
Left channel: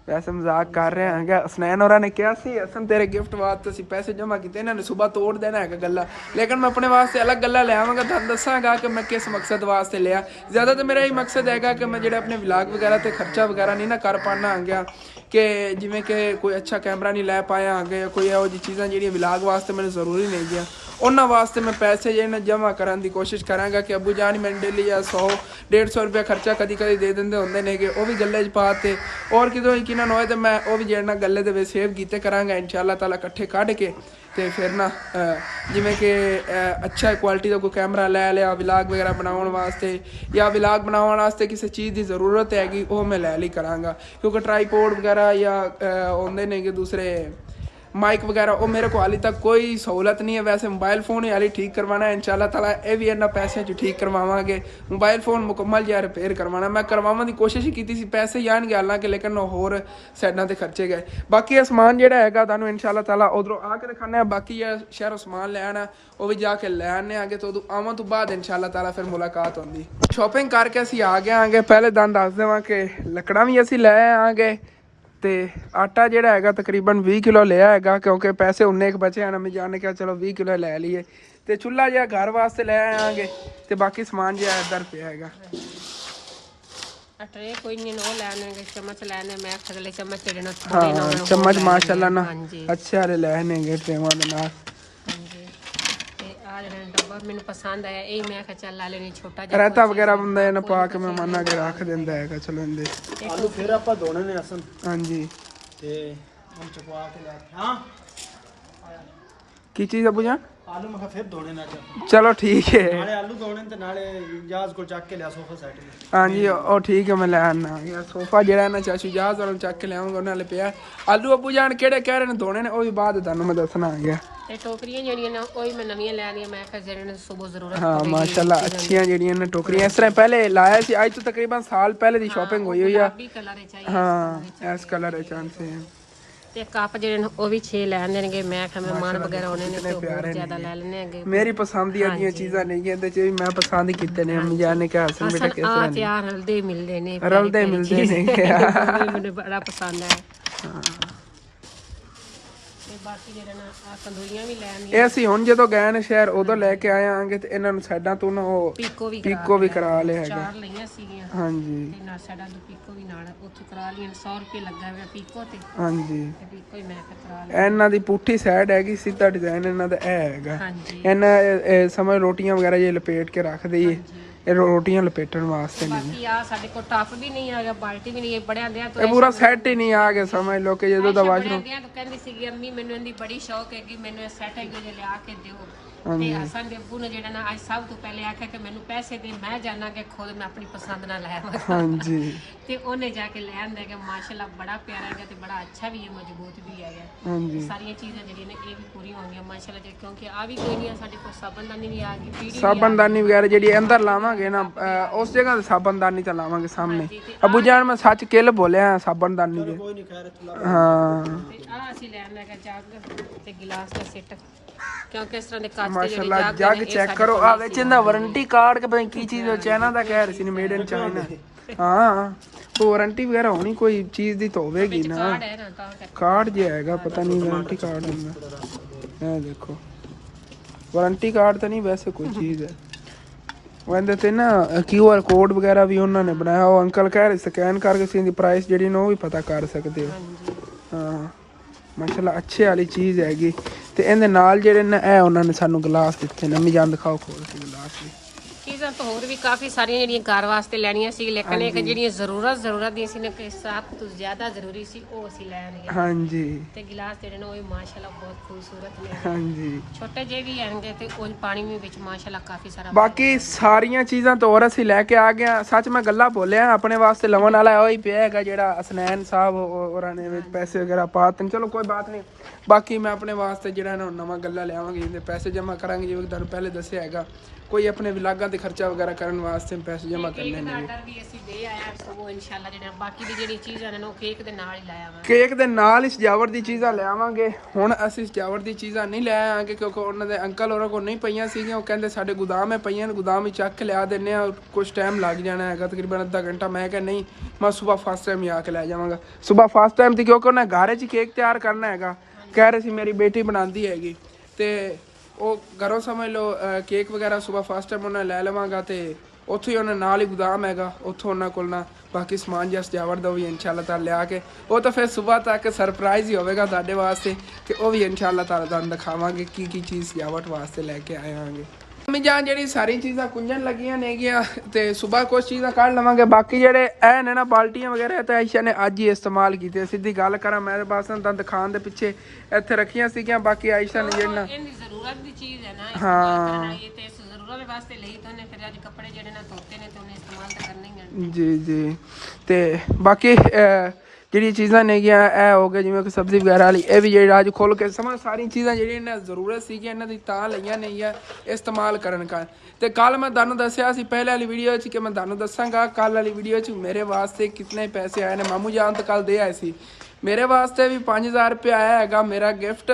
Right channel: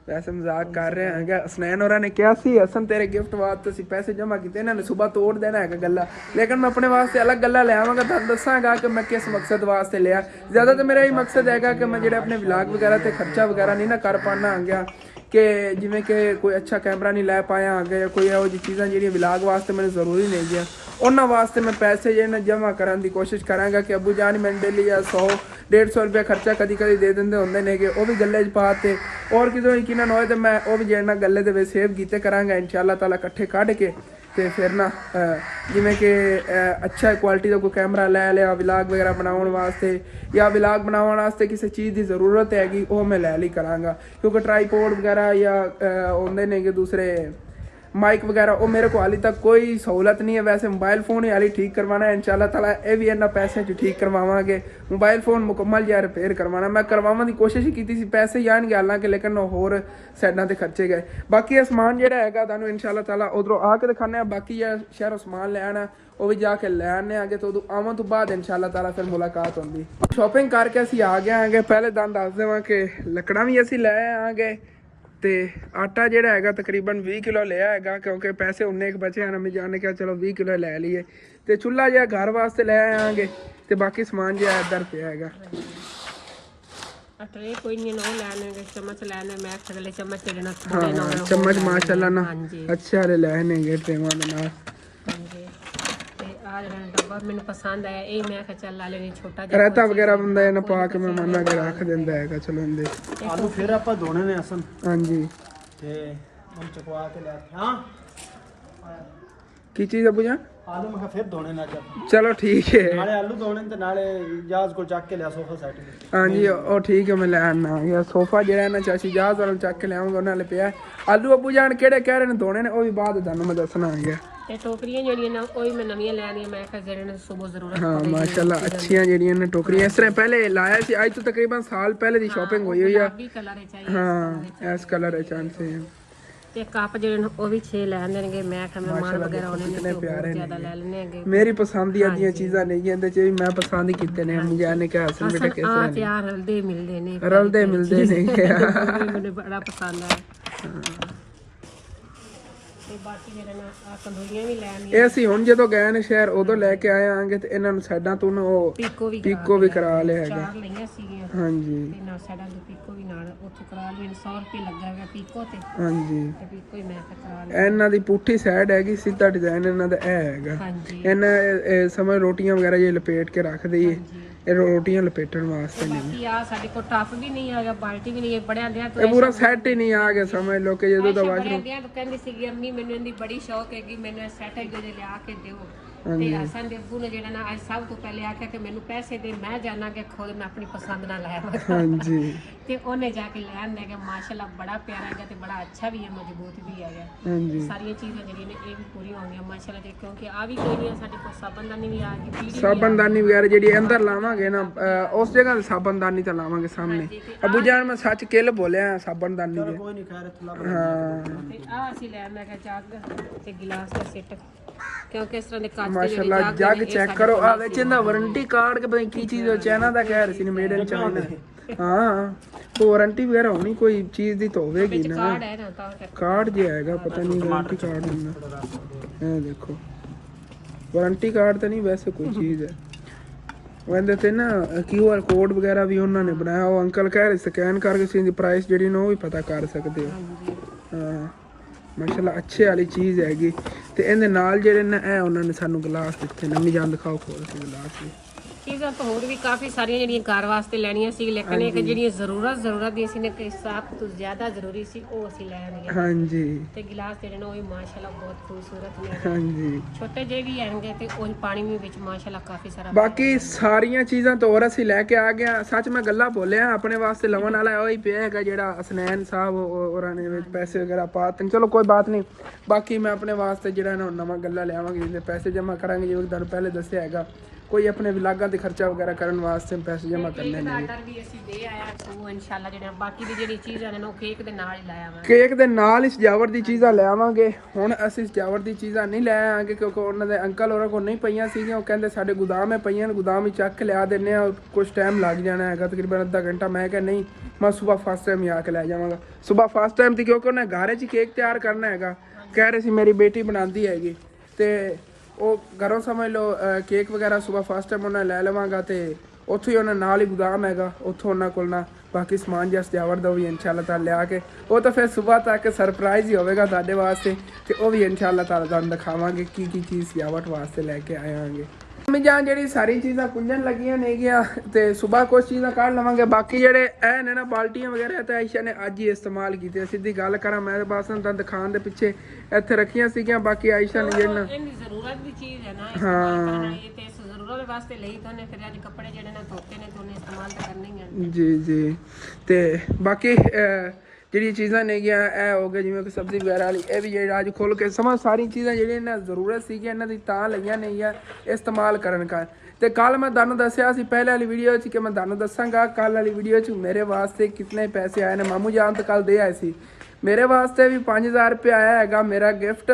ਵੈਸੇ ਮਜ਼ਾਕ ਕਰ ਰਿਹਾ ਹੈਗਾ। ਹਸਨੈਨ ਹੋਰਾਂ ਨੇ ਕਿਹਾ ਸੀ ਅਸਨ ਤੇਰੇ ਗਿਫਟ ਵਾਸਤੇ ਅਸੀਂ ਪੈਸੇ ਜਮ੍ਹਾਂ ਕੀਤੇ, ਇਹਨਾਂ ਨੇ ਸਵੇਰ ਤੋੜ ਦੇਣਾ ਹੈਗਾ ਗੱਲਾਂ, ਲੇਕਿਨ ਮੈਂ ਆਪਣੇ ਵਾਸਤੇ ਅਲੱਗ ਗੱਲਾਂ ਲੈ ਆਵਾਂਗਾ। ਤੁਹਾਨੂੰ ਦੱਸਾਂਗਾ ਕਿ ਮੈਂ ਕਿਸ ਮਕਸਦ ਵਾਸਤੇ ਲਿਆ। ਜ਼ਿਆਦਾ ਤਾਂ ਮੇਰਾ ਇਹ ਮਕਸਦ ਹੈਗਾ ਕਿ ਮੈਂ ਜਿਹੜੇ ਆਪਣੇ ਵਲੌਗ ਵਗੈਰਾ ਤੇ ਖਰਚਾ ਵਗੈਰਾ ਨਹੀਂ ਨਾ ਕਰ ਪਾਣਾ ਆ ਗਿਆ, ਕਿ ਜਿਵੇਂ ਕਿ ਕੋਈ ਅੱਛਾ ਕੈਮਰਾ ਨਹੀਂ ਲੈ ਪਾਇਆ ਆ ਗਿਆ, ਕੋਈ ਇਹੋ ਜਿਹੀ ਚੀਜ਼ਾਂ ਜਿਹੜੀਆਂ ਵਲੌਗ ਵਾਸਤੇ ਮੈਨੂੰ ਜ਼ਰੂਰੀ ਨਹੀਂ ਗਿਆ, ਉਹਨਾਂ ਵਾਸਤੇ ਮੈਂ ਪੈਸੇ ਜਿਹੜੇ ਜਮ੍ਹਾਂ ਕਰਨ ਦੀ ਕੋਸ਼ਿਸ਼ ਕਰਾਂਗਾ। ਕਿ ਅੱਬੂ ਜਾਨ ਮੈਨੂੰ ਡੇਲੀ ਜਾਂ 100-150 ਰੁਪਏ ਖਰਚਾ ਕਦੀ ਕਦੀ ਦੇ ਦਿੰਦੇ ਹੁੰਦੇ ਨੇਗੇ, ਉਹ ਵੀ ਗੱਲੇ 'ਚ ਪਾ ਤੇ ਔਰ ਕਿਦੋਂ ਯਕੀਨਨ ਹੋਏ ਤੇ ਮੈਂ ਉਹ ਵੀ ਜਿਹੜਾ ਨਾ ਗੱਲੇ ਦੇ ਵਿੱਚ ਸੇਵ ਕੀਤੇ ਕਰਾਂਗਾ ਇਨਸ਼ਾਅੱਲਾ ਤਾਲਾ ਇਕੱਠੇ ਕੱਢ ਕੇ। ਤੇ ਫਿਰ ਨਾ ਜਿਵੇਂ ਕਿ ਅੱਛਾ ਕੁਆਲਿਟੀ ਦਾ ਕੋਈ ਕੈਮਰਾ ਲੈ ਲਿਆ ਵਲੌਗ ਵਗੈਰਾ ਬਣਾਉਣ ਵਾਸਤੇ, ਜਾਂ ਵਲੌਗ ਬਣਾਉਣ ਵਾਸਤੇ ਕਿਸੇ ਚੀਜ਼ ਦੀ ਜ਼ਰੂਰਤ ਹੈਗੀ ਉਹ ਮੈਂ ਲੈ ਲਈ ਕਰਾਂਗਾ, ਕਿਉਂਕਿ ਟਰਾਈਪੋਡ ਵਗੈਰਾ ਜਾਂ ਆਉਂਦੇ ਨੇਗੇ ਦੂਸਰੇ ਮਾਈਕ ਵਗੈਰਾ, ਉਹ ਮੇਰੇ ਕੋਲ ਹਾਲੇ ਤੱਕ ਕੋਈ ਸਹੂਲਤ ਨਹੀਂ ਹੈ। ਵੈਸੇ ਮੋਬਾਈਲ ਫੋਨ ਹੀ ਹਾਲੇ ਠੀਕ ਕਰਵਾਉਣਾ ਹੈ ਇਨਸ਼ਾਅੱਲਾ ਤਾਲਾ, ਇਹ ਵੀ ਇਹਨਾਂ ਪੈਸਿਆਂ 'ਚ ਠੀਕ ਕਰਵਾਵਾਂਗੇ। ਮੋਬਾਈਲ ਫੋਨ ਮੁਕੰਮਲ ਜਿਹਾ ਰਿਪੇਅਰ ਕਰਵਾਉਣਾ ਮੈਂ ਕਰਵਾਉਣ ਦੀ ਕੋਸ਼ਿਸ਼ ਕੀਤੀ ਸੀ, ਪੈਸੇ ਜਾਣਗੇ ਹਾਲਾਂਕਿ, ਲੇਕਿਨ ਉਹ ਹੋਰ ਸਾਈਡਾਂ 'ਤੇ ਖਰਚੇ ਗਏ। ਬਾਕੀ ਇਹ ਸਮਾਨ ਜਿਹੜਾ ਹੈਗਾ ਤੁਹਾਨੂੰ ਇਨਸ਼ਾਅੱਲਾ ਤਾਲਾ ਉਧਰੋਂ ਆ ਕੇ ਦਿਖਾਉਂਦੇ ਹਾਂ। ਬਾਕੀ ਇਹ ਸ਼ਹਿਰੋਂ ਸਮਾਨ ਲੈ ਆਉਣਾ ਉਹ ਵੀ ਜਾ ਕੇ ਲੈ ਆਉਂਦੇ ਆਗੇ, ਤਾਂ ਉਦੋਂ ਆਉਣ ਤੋਂ ਬਾਅਦ ਇਨਸ਼ਾਅੱਲਾ ਤਾਲਾ ਫਿਰ ਮੁਲਾਕਾਤ ਹੁੰਦੀ। ਸ਼ਾਪਿੰਗ ਕਰਕੇ ਅਸੀਂ ਆ ਗਏ ਆਂਗੇ। ਪਹਿਲੇ ਤੁਹਾਨੂੰ ਦੱਸ ਦੇਵਾਂ ਕਿ ਲੱਕੜਾਂ ਵੀ ਅਸੀਂ ਲੈ ਆਂਗੇ ਤੇ ਆਟਾ ਜਿਹੜਾ ਹੈਗਾ ਤਕਰੀਬਨ 20 ਕਿਲੋ ਲਿਆ ਹੈਗਾ, ਕਿਉਂਕਿ ਪੈਸੇ ਉਨੇ ਕੁ ਬਚੇ ਹਨ। ਮੈਂ ਜਾਣ ਕੇ ਚਲੋ 20 ਕਿਲੋ ਲੈ ਲਈਏ। ਤੇ ਚੁੱਲ੍ਹਾ ਜਿਹਾ ਘਰ ਵਾਸਤੇ ਲੈ ਆਵਾਂਗੇ ਤੇ ਬਾਕੀ ਸਮਾਨ ਜਿਹਾ ਇੱਧਰ ਪਿਆ ਹੈਗਾ। ट्रे कोई नहीं नो लेने चम्मच लेने मैं अगले चम्मच ਜਿਹੜੇ ਨਾ ਹਾਂ ਚਮਚ ਮਾਸ਼ਾਅੱਲਾ ਨਾ ਹਾਂਜੀ ਅੱਛੇ ਵਾਲੇ ਲੈਣਗੇ ਟਰੇਵਾਂ ਦੇ ਨਾਲ ਹਾਂਜੀ ਤੇ ਆ ਜਿਹੜਾ ਡੱਬਾ ਮੈਨੂੰ ਪਸੰਦ ਆਇਆ ਇਹ ਮੈਂ ਕਿਹਾ ਚੱਲ ਲੈ ਲੈਣੀ ਛੋਟਾ ਜਿਹਾ ਰਾਇਤਾ ਵਗੈਰਾ ਬੰਦਾ ਇਹਨਾਂ ਪਾ ਕੇ ਮਹਿਮਾਨਾਂ ਕੇ ਰੱਖ ਦਿੰਦਾ ਹੈਗਾ ਚਲੋ ਇਹਦੇ ਆਲੂ ਫਿਰ ਆਪਾਂ ਧੋਣੇ ਨੇ ਅਸਨ ਹਾਂਜੀ ਤੇ ਹਮ ਚਕਵਾ ਕੇ ਲਿਆ ਹਾਂ ਕੀ ਚੀਜ਼ ਅਬੂ ਜਾਨ ਆਲੂ ਮੈਂ ਕਿਹਾ ਫਿਰ ਧੋਣੇ ਨਾ ਚੱਕ ਚਲੋ ਠੀਕ ਹੈ ਨਾਲੇ ਆਲੂ ਧੋਣੇ ਤੇ ਨਾਲੇ ਇਜਾਜ਼ ਕੋਲ ਚੱਕ ਕੇ ਲਿਆ ਸੋਫਾ ਸੈੱਟ ਹਾਂਜੀ ਉਹ ਠੀਕ ਹੈ ਮੈਂ ਲੈ ਆਣਾ ਯਾਰ ਸੋਫਾ ਜਿਹੜਾ ਨਾ ਚਾਚੀ ਜਾਜ਼ ਵਾਲਾ ਚੱਕ ਕੇ ਲਿਆਉਂਗਾ ਉਹਨਾਂ ਨਾਲ ਪਿਆ ਆਲੂ ਅਬੂ ਜਾਨ ਕਿਹੜੇ ਕਹਿ ਰਹੇ ਨੇ ਧੋਣੇ ਨੇ ਉਹ ਵੀ ਬਾਅਦ ਤੁਹਾਨੂੰ ਮੈਂ ਦੱਸਣਾ ਹੈਗਾ ਤੇ ਟੋਕਰੀਆਂ ਜਿਹੜੀਆਂ ਨਾ ਉਹ ਮੈਂ ਨਵੀਆਂ ਲੈ ਆਣੀਆਂ ਮੈਂ ਕਿਹਾ ਜਿਹੜੇ ਨੂੰ ਸਵੇਰ ਜ਼ਰੂਰਤ ਹਾਂ ਮਾਸ਼ਾਅੱਲਾ ਅੱਛੀਆਂ ਜਿਹੜੀਆਂ ਨੇ ਟੋਕਰੀਆਂ ਇਸ ਤਰ੍ਹਾਂ ਪਹਿਲੇ ਲਾਇਆ ਸੀ ਅੱਜ ਤੋਂ ਤਕਰੀਬਨ ਸਾਲ ਪਹਿਲੇ ਦੀ ਸ਼ਾਪਿੰਗ ਹੋਈ ਹੋਈ ਆ ਵੀ ਕਲਰ ਹੈ ਚਾਹੀਦਾ ਹਾਂ ਇਸ ਕਲਰ ਹੈ ਚਾਂਸੇ ਤੇ ਕੱਪ ਜਿਹੜੇ ਨੇ ਉਹ ਵੀ 6 ਲੈ ਆਂਦੇਣਗੇ ਮੈਂ ਕਿਹਾ ਮਹਿਮਾਨ ਵਗੈਰਾ ਆਉਣੇ ਨੇ ਤੇ ਹੋਰ ਜ਼ਿਆਦਾ ਲੈ ਲੈਣਗੇ ਮੇਰੀ ਪਸੰਦ ਦੀਆਂ ਚੀਜ਼ਾਂ ਨਹੀਂ ਇਹਦੇ ਚ ਵੀ ਮੈਂ ਪਸੰਦ ਕੀਤੇ ਨੇ ਅੰਮੀ ਜਾਨ ਨੇ ਕਿਹਾ ਹਸਨ ਬੇਟਾ ਕਿਸ ਤਰ੍ਹਾਂ ਤੇ ਆ ਰਲਦੇ ਮਿਲਦੇ ਨੇ ਰਲਦੇ ਮਿਲਦੇ ਨੇ ਮੈਨੂੰ ਬੜਾ ਪਸੰਦ ਆਇਆ ਤੇ ਬਾਕੀ ਜਿਹੜਾ ਨਾ ਆ ਕੰਦੋਲੀਆਂ ਵੀ ਲੈ ਆਂਦੇ ਇਹ ਅਸੀਂ ਹੁਣ ਜਦੋਂ ਗਏ ਨੇ ਸ਼ਹਿਰ ਉਦੋਂ ਲੈ ਕੇ ਆਏ ਆਂਗੇ ਤੇ ਇਹਨਾਂ ਨੂੰ ਸਾਈਡਾਂ ਤੋਂ ਨਾ ਉਹ ਪੀਕੋ ਵੀ ਕਰਾ ਲਿਆ ਹੈਗਾ ਚਾਰ ਲਈਆਂ ਸੀਗੀਆਂ ਹਾਂਜੀ ਤੇ ਨਾ ਸਾਡਾ ਤੋਂ ਪੀਕੋ ਵੀ ਨਾਲ ਉੱਥੋਂ ਕਰਾ ਲਈ 100 ਰੁਪਏ ਲੱਗਾ ਹੋਇਆ ਪੀਕੋ ਤੇ ਹਾਂਜੀ ਪੀਕੋ ਹੀ ਮੈਂ ਕਿਹਾ ਕਰਾ ਲਿਆ ਇਹਨਾਂ ਦੀ ਪੁੱਠੀ ਸਾਈਡ ਹੈਗੀ ਸਿੱਧਾ ਡਿਜ਼ਾਈਨ ਇਹਨਾਂ ਦਾ ਇਹ ਹੈਗਾ ਹਾਂਜੀ ਇਹਨਾਂ ਸਮਝ ਰੋਟੀਆਂ ਵਗੈਰਾ ਜੇ ਲਪੇਟ ਕੇ ਰੱਖ ਦਈਏ ਇਹ ਰੋਟੀਆਂ ਲਪੇਟਣ ਵਾਸਤੇ ਨਹੀਂ ਬਾਕੀ ਆ ਸਾਡੇ ਕੋਲ ਟੱਪ ਵੀ ਨਹੀਂ ਹੈਗਾ ਬਾਲਟੀ ਵੀ ਨਹੀਂ ਬੜਿਆਂ ਦੇ ਇਹ ਪੂਰਾ ਸੈੱਟ ਹੀ ਨਹੀਂ ਆ ਗਿਆ ਸਮਝ ਲਓ ਕਿ ਜਦੋਂ ਦਾ ਵਾਸ਼ਰੂਮ ਬੜਿਆਂ ਤੋਂ ਕਹਿੰਦੀ ਸੀਗੀ ਅੰਮੀ ਮੈਨੂੰ ਇਹਦੀ ਬੜੀ ਸ਼ੌਕ ਹੈਗੀ ਮੈਨੂੰ ਇਹ ਸੈੱਟ ਅੱਗੇ ਦੇ ਲਿਆ ਕੇ ਦਿਓ ਤੇ ਹਸਨ ਦੇ ਅੱਬੂ ਨੇ ਜਿਹੜਾ ਨਾ ਅੱਜ ਸਭ ਤੋਂ ਪਹਿਲੇ ਆਖਿਆ ਕਿ ਮੈਨੂੰ ਪੈਸੇ ਦੇ ਮੈਂ ਜਾਣਾ ਕਿ ਖੁਦ ਮੈਂ ਆਪਣੀ ਪਸੰਦ ਨਾਲ ਲੈ ਆਵਾਂ ਹਾਂਜੀ ਤੇ ਉਹਨੇ ਜਾ ਕੇ ਲੈ ਆਂਦਾ ਕਿ ਮਾਸ਼ਾਅੱਲਾ ਬੜਾ ਪਿਆਰਾ ਹੈਗਾ ਤੇ ਬੜਾ ਅੱਛਾ ਵੀ ਹੈ ਮਜ਼ਬੂਤ ਵੀ ਹੈਗਾ ਹਾਂਜੀ ਸਾਰੀਆਂ ਚੀਜ਼ਾਂ ਜਿਹੜੀਆਂ ਨੇ ਇਹ ਵੀ ਪੂਰੀਆਂ ਹੋਣਗੀਆਂ ਮਾਸ਼ਾਅੱਲਾ ਜੀ ਕਿਉਂਕਿ ਆ ਵੀ ਕੋਈ ਨਹੀਂ ਹੈ ਸਾਡੇ ਕੋਲ ਸਾਬਣਦਾਨੀ ਵੀ ਆ ਗਈ ਪੀੜੀ ਸਾਬਣਦਾਨੀ ਵਗੈਰਾ ਜਿਹੜੀ ਅੰਦਰ ਲਾਵਾਂਗੇ ਨਾ ਉਸ ਜਗ੍ਹਾ ਤੇ ਸਾਬਣਦਾਨੀ ਤਾਂ ਲਾਵਾਂਗੇ ਸਾਹਮਣੇ ਅਬੂ ਜਾਨ ਮੈਂ ਸੱਚ ਕਿਲ ਬੋਲਿਆ ਸਾਬਣਦਾਨੀ ਦੇ ਕੋਈ ਨਹੀਂ ਖੈਰ ਇੱਥੇ ਹਾਂ ਤੇ ਆ ਅਸੀਂ ਲੈ ਆਂਦਾ ਕਿ ਜੱਗ ਤੇ ਗਿਲਾਸ ਦਾ ਸੈੱਟ ਕਿਉਂਕਿ ਇਸ ਤਰ੍ਹਾਂ ਦੇ ਕੱਚ ਦੇ ਮਾਸ਼ਾਅੱਲਾ ਜੱਗ ਚੈੱਕ ਕਰੋ ਆ ਵਿੱਚ ਇਹਦਾ ਵਾਰੰਟੀ ਕਾਰਡ ਕਿ ਭਾਈ ਕੀ ਚੀਜ਼ ਚਾਈਨਾ ਦਾ ਕਹਿ ਰਹੇ ਸੀ ਮੇਡ ਇਨ ਚਾਈਨਾ ਹਾਂ ਉਹ ਵਾਰੰਟੀ ਵਗੈਰਾ ਹੋਣੀ ਕੋਈ ਚੀਜ਼ ਦੀ ਤਾਂ ਹੋਵੇਗੀ ਨਾ ਕਾਰਡ ਹੈ ਨਾ ਤਾਂ ਕਰਕੇ ਕਾਰਡ ਜੇ ਹੈਗਾ ਪਤਾ ਨਹੀਂ ਵਾਰੰਟੀ ਕਾਰਡ ਹੁੰਦਾ ਇਹ ਦੇਖੋ ਵਾਰੰਟੀ ਕਾਰਡ ਤਾਂ ਨਹੀਂ ਵੈਸੇ ਕੋਈ ਚੀਜ਼ ਹੈ ਉਹਦੇ ਤੇ ਨਾ QR ਕੋਡ ਵਗੈਰਾ ਵੀ ਉਹਨਾਂ ਨੇ ਬਣਾਇਆ ਉਹ ਅੰਕਲ ਕਹਿ ਰਹੇ ਸਕੈਨ ਕਰਕੇ ਸੀ ਇਹਦੀ ਪ੍ਰਾਈਸ ਜਿਹੜੀ ਨਾ ਉਹ ਵੀ ਪਤਾ ਕਰ ਸਕਦੇ ਹੋ ਹਾਂ ਮਾਸ਼ਾਅੱਲਾ ਅੱਛੇ ਵਾਲੀ ਚੀਜ਼ ਹੈਗੀ ਤੇ ਇਹਦੇ ਨਾਲ ਜਿਹੜੇ ਨਾ ਇਹ ਉਹਨਾਂ ਨੇ ਸਾਨੂੰ ਗਲਾਸ ਦਿੱਤੇ ਨੇ ਜਾਨ ਦਿਖਾਓ ਖੋਲ ਕੇ ਗਲਾਸ ਵੀ ਚੀਜ਼ਾਂ ਤਾਂ ਹੋਰ ਵੀ ਕਾਫੀ ਸਾਰੀਆਂ ਜਿਹੜੀਆਂ ਘਰ ਵਾਸਤੇ ਲੈਣੀਆਂ ਸੀ ਲੇਕਿਨ ਇੱਕ ਜਿਹੜੀਆਂ ਜ਼ਰੂਰਤ ਦੀਆਂ ਸੀ ਨੇ ਕਿ ਸਾਥ ਤੋਂ ਜ਼ਿਆਦਾ ਜ਼ਰੂਰੀ ਸੀ ਉਹ ਅਸੀਂ ਲੈ ਆਏ ਹਾਂਜੀ ਤੇ ਗਿਲਾਸ ਜਿਹੜੇ ਨੇ ਉਹ ਵੀ ਮਾਸ਼ਾਅੱਲਾ ਬਹੁਤ ਖੂਬਸੂਰਤ ਨੇ ਹਾਂਜੀ ਛੋਟੇ ਜਿਹੇ ਵੀ ਆਣਗੇ ਤੇ ਉਹ ਪਾਣੀ ਵੀ ਵਿੱਚ ਮਾਸ਼ਾਅੱਲਾ ਕਾਫੀ ਸਾਰਾ ਬਾਕੀ ਸਾਰੀਆਂ ਚੀਜ਼ਾਂ ਤੋਂ ਹੋਰ ਅਸੀਂ ਲੈ ਕੇ ਆ ਗਏ ਸੱਚ ਮੈਂ ਗੱਲਾਂ ਬੋਲਿਆ ਆਪਣੇ ਵਾਸਤੇ ਲਵਣ ਵਾਲਾ ਉਹ ਹੀ ਪਿਆ ਹੈਗਾ ਜਿਹੜਾ ਅਸਨੈਨ ਸਾਹਿਬ ਹੋਰਾਂ ਨੇ ਵਿੱਚ ਪੈਸੇ ਵਗੈਰਾ ਪਾਤੇ ਚਲੋ ਕੋਈ ਬਾਤ ਨਹੀਂ ਬਾਕੀ ਮੈਂ ਆਪਣੇ ਵਾਸਤੇ ਜਿਹੜਾ ਨਾ ਨਵਾਂ ਗੱਲਾਂ ਲਿਆਵਾਂਗੇ ਇਹਦੇ ਪੈਸੇ ਜਮ੍ਹਾਂ ਕਰਾਂਗੇ ਜਿਵੇਂ ਤੁਹਾਨੂੰ ਪਹਿਲੇ ਦੱਸਿਆ ਹੈਗਾ ਕੋਈ ਆਪਣੇ ਵਿਲਾਗਾਂ ਤੇ ਖਰਚਾ ਵਗੈਰਾ ਕਰਨ ਵਾਸਤੇ ਪੈਸੇ ਜਮ੍ਹਾਂ ਕਰਨੇ ਨੇ ਆਰਡਰ ਵੀ ਅਸੀਂ ਦੇ ਆਇਆ ਸੋ ਇਨਸ਼ਾਅੱਲਾ ਜਿਹੜੇ ਬਾਕੀ ਦੀ ਜਿਹੜੀ ਚੀਜ਼ਾਂ ਨੇ ਉਹ ਕੇਕ ਦੇ ਨਾਲ ਹੀ ਲਾਇਆ ਵਾ ਕੇਕ ਦੇ ਨਾਲ ਹੀ ਸਜਾਵਟ ਦੀ ਚੀਜ਼ਾਂ ਲੈ ਆਵਾਂਗੇ ਹੁਣ ਅਸੀਂ ਸਜਾਵਟ ਦੀ ਚੀਜ਼ਾਂ ਨਹੀਂ ਲੈ ਆਵਾਂਗੇ ਕਿਉਂਕਿ ਉਹਨਾਂ ਦੇ ਅੰਕਲ ਹੋਰਾਂ ਕੋਲ ਨਹੀਂ ਪਈਆਂ ਸੀਗੀਆਂ ਉਹ ਕਹਿੰਦੇ ਸਾਡੇ ਗੋਦਾਮ ਹੈ ਪਈਆਂ ਗੋਦਾਮ ਹੀ ਚੱਕ ਕੇ ਲਿਆ ਦਿੰਨੇ ਆ ਕੁਝ ਟਾਈਮ ਲੱਗ ਜਾਣਾ ਹੈਗਾ ਤਕਰੀਬਨ ਅੱਧਾ ਘੰਟਾ ਮੈਂ ਕਿਹਾ ਨਹੀਂ ਮੈਂ ਸਵੇਰ ਫਸਟ ਟਾਈਮ ਹੀ ਆ ਕੇ ਲੈ ਜਾਵਾਂਗਾ ਸਵੇਰ ਫਸਟ ਟਾਈਮ ਤੇ ਕਿਉਂਕਿ ਉਹਨੇ ਘਰ 'ਚ ਕੇਕ ਤਿਆਰ ਕਰਨਾ ਹੈਗਾ ਕਹਿ ਰਹੇ ਸੀ ਮੇਰੀ ਬੇਟੀ ਬਣਾਉਂਦੀ ਹੈਗੀ ਤੇ ਉਹ ਘਰੋਂ ਸਮਝ ਲਓ ਕੇਕ ਵਗੈਰਾ ਸਵੇਰ ਫਸਟ ਟਾਈਮ ਉਹਨਾਂ ਲੈ ਲਵਾਂਗਾ ਤੇ ਉੱਥੋਂ ਹੀ ਉਹਨਾਂ ਨਾਲ ਹੀ ਗੋਦਾਮ ਹੈਗਾ ਉੱਥੋਂ ਉਹਨਾਂ ਕੋਲ ਨਾ ਬਾਕੀ ਸਮਾਨ ਜਿਹਾ ਸਜਾਵਟ ਦਾ ਵੀ ਇਨਸ਼ਾਅੱਲਾ ਤਾਲਾ ਲਿਆ ਕੇ ਉਹ ਤਾਂ ਫਿਰ ਸਵੇਰ ਤੱਕ ਸਰਪ੍ਰਾਈਜ਼ ਹੀ ਹੋਵੇਗਾ ਤੁਹਾਡੇ ਵਾਸਤੇ ਤੇ ਉਹ ਵੀ ਇਨਸ਼ਾਅੱਲਾ ਤਾਲਾ ਤੁਹਾਨੂੰ ਦਿਖਾਵਾਂਗੇ ਕੀ ਕੀ ਚੀਜ਼ ਸਜਾਵਟ ਵਾਸਤੇ ਲੈ ਕੇ ਆਏ ਆਂਗੇ ਮੰਮੀ ਜਾਨ ਜਿਹੜੀ ਸਾਰੀ ਚੀਜ਼ਾਂ ਕੁੰਝਣ ਲੱਗੀਆਂ ਨੇਗੀਆਂ ਤੇ ਸਵੇਰ ਕੁਝ ਚੀਜ਼ਾਂ ਕੱਢ ਲਵਾਂਗੇ ਬਾਕੀ ਜਿਹੜੇ ਇਹ ਨੇ ਨਾ ਬਾਲਟੀਆਂ ਵਗੈਰਾ ਤਾਂ ਆਇਸ਼ਾ ਨੇ ਅੱਜ ਹੀ ਇਸਤੇਮਾਲ ਕੀਤੇ ਸਿੱਧੀ ਗੱਲ ਕਰਾਂ ਮੇਰੇ ਬਾਸਨ ਤਾਂ ਦਿਖਾਉਣ ਦੇ ਪਿੱਛੇ ਇੱਥੇ ਰੱਖੀਆਂ ਸੀਗੀਆਂ ਬਾਕੀ ਆਇਸ਼ਾ ਨੇ ਜਿਹੜਾ ਇਹਦੀ ਜ਼ਰੂਰਤ ਦੀ ਚੀਜ਼ ਹੈ ਨਾ ਹਾਂ ਇਹ ਤੇ ਜ਼ਰੂਰਤ ਦੇ ਵਾਸਤੇ ਲਈ ਤਾਂ ਉਹਨੇ ਫਿਰ ਅੱਜ ਕੱਪੜੇ ਜਿਹੜੇ ਨਾ ਧੋਤੇ ਨੇ ਤੇ ਉਹਨੇ ਇਸਤੇਮਾਲ ਤਾਂ ਕਰਨੇ ਹੀ ਹੈ ਜੀ ਜੀ ਤੇ ਬਾਕੀ ਜਿਹੜੀ ਚੀਜ਼ਾਂ ਨੇਗੀਆਂ ਇਹ ਹੋ ਗਏ ਜਿਵੇਂ ਕਿ ਸਬਜ਼ੀ ਵਗੈਰਾ ਵਾਲੀ ਇਹ ਵੀ ਜਿਹੜੀ ਅੱਜ ਖੋਲ ਕੇ ਸਮਝ ਸਾਰੀਆਂ ਚੀਜ਼ਾਂ ਜਿਹੜੀਆਂ ਇਹਨਾਂ ਜ਼ਰੂਰਤ ਸੀਗੀ ਇਹਨਾਂ ਦੀ ਤਾਂ ਲਈਆਂ ਨਹੀਂ ਆ ਇਸਤੇਮਾਲ ਕਰਨ ਕਾ ਤੇ ਕੱਲ ਮੈਂ ਤੁਹਾਨੂੰ ਦੱਸਿਆ ਸੀ ਪਹਿਲੇ ਵਾਲੀ ਵੀਡੀਓ 'ਚ ਕਿ ਮੈਂ ਤੁਹਾਨੂੰ ਦੱਸਾਂਗਾ ਕੱਲ ਵਾਲੀ ਵੀਡੀਓ 'ਚ ਮੇਰੇ ਵਾਸਤੇ ਕਿੰਨੇ ਪੈਸੇ ਆਏ ਨੇ ਮਾਮੂ ਜਾਨ ਤਾਂ ਕੱਲ ਦੇ ਆਏ ਸੀ ਮੇਰੇ ਵਾਸਤੇ ਵੀ 5000 ਰੁਪਏ ਆਇਆ ਹੈਗਾ ਮੇਰਾ ਗਿਫਟ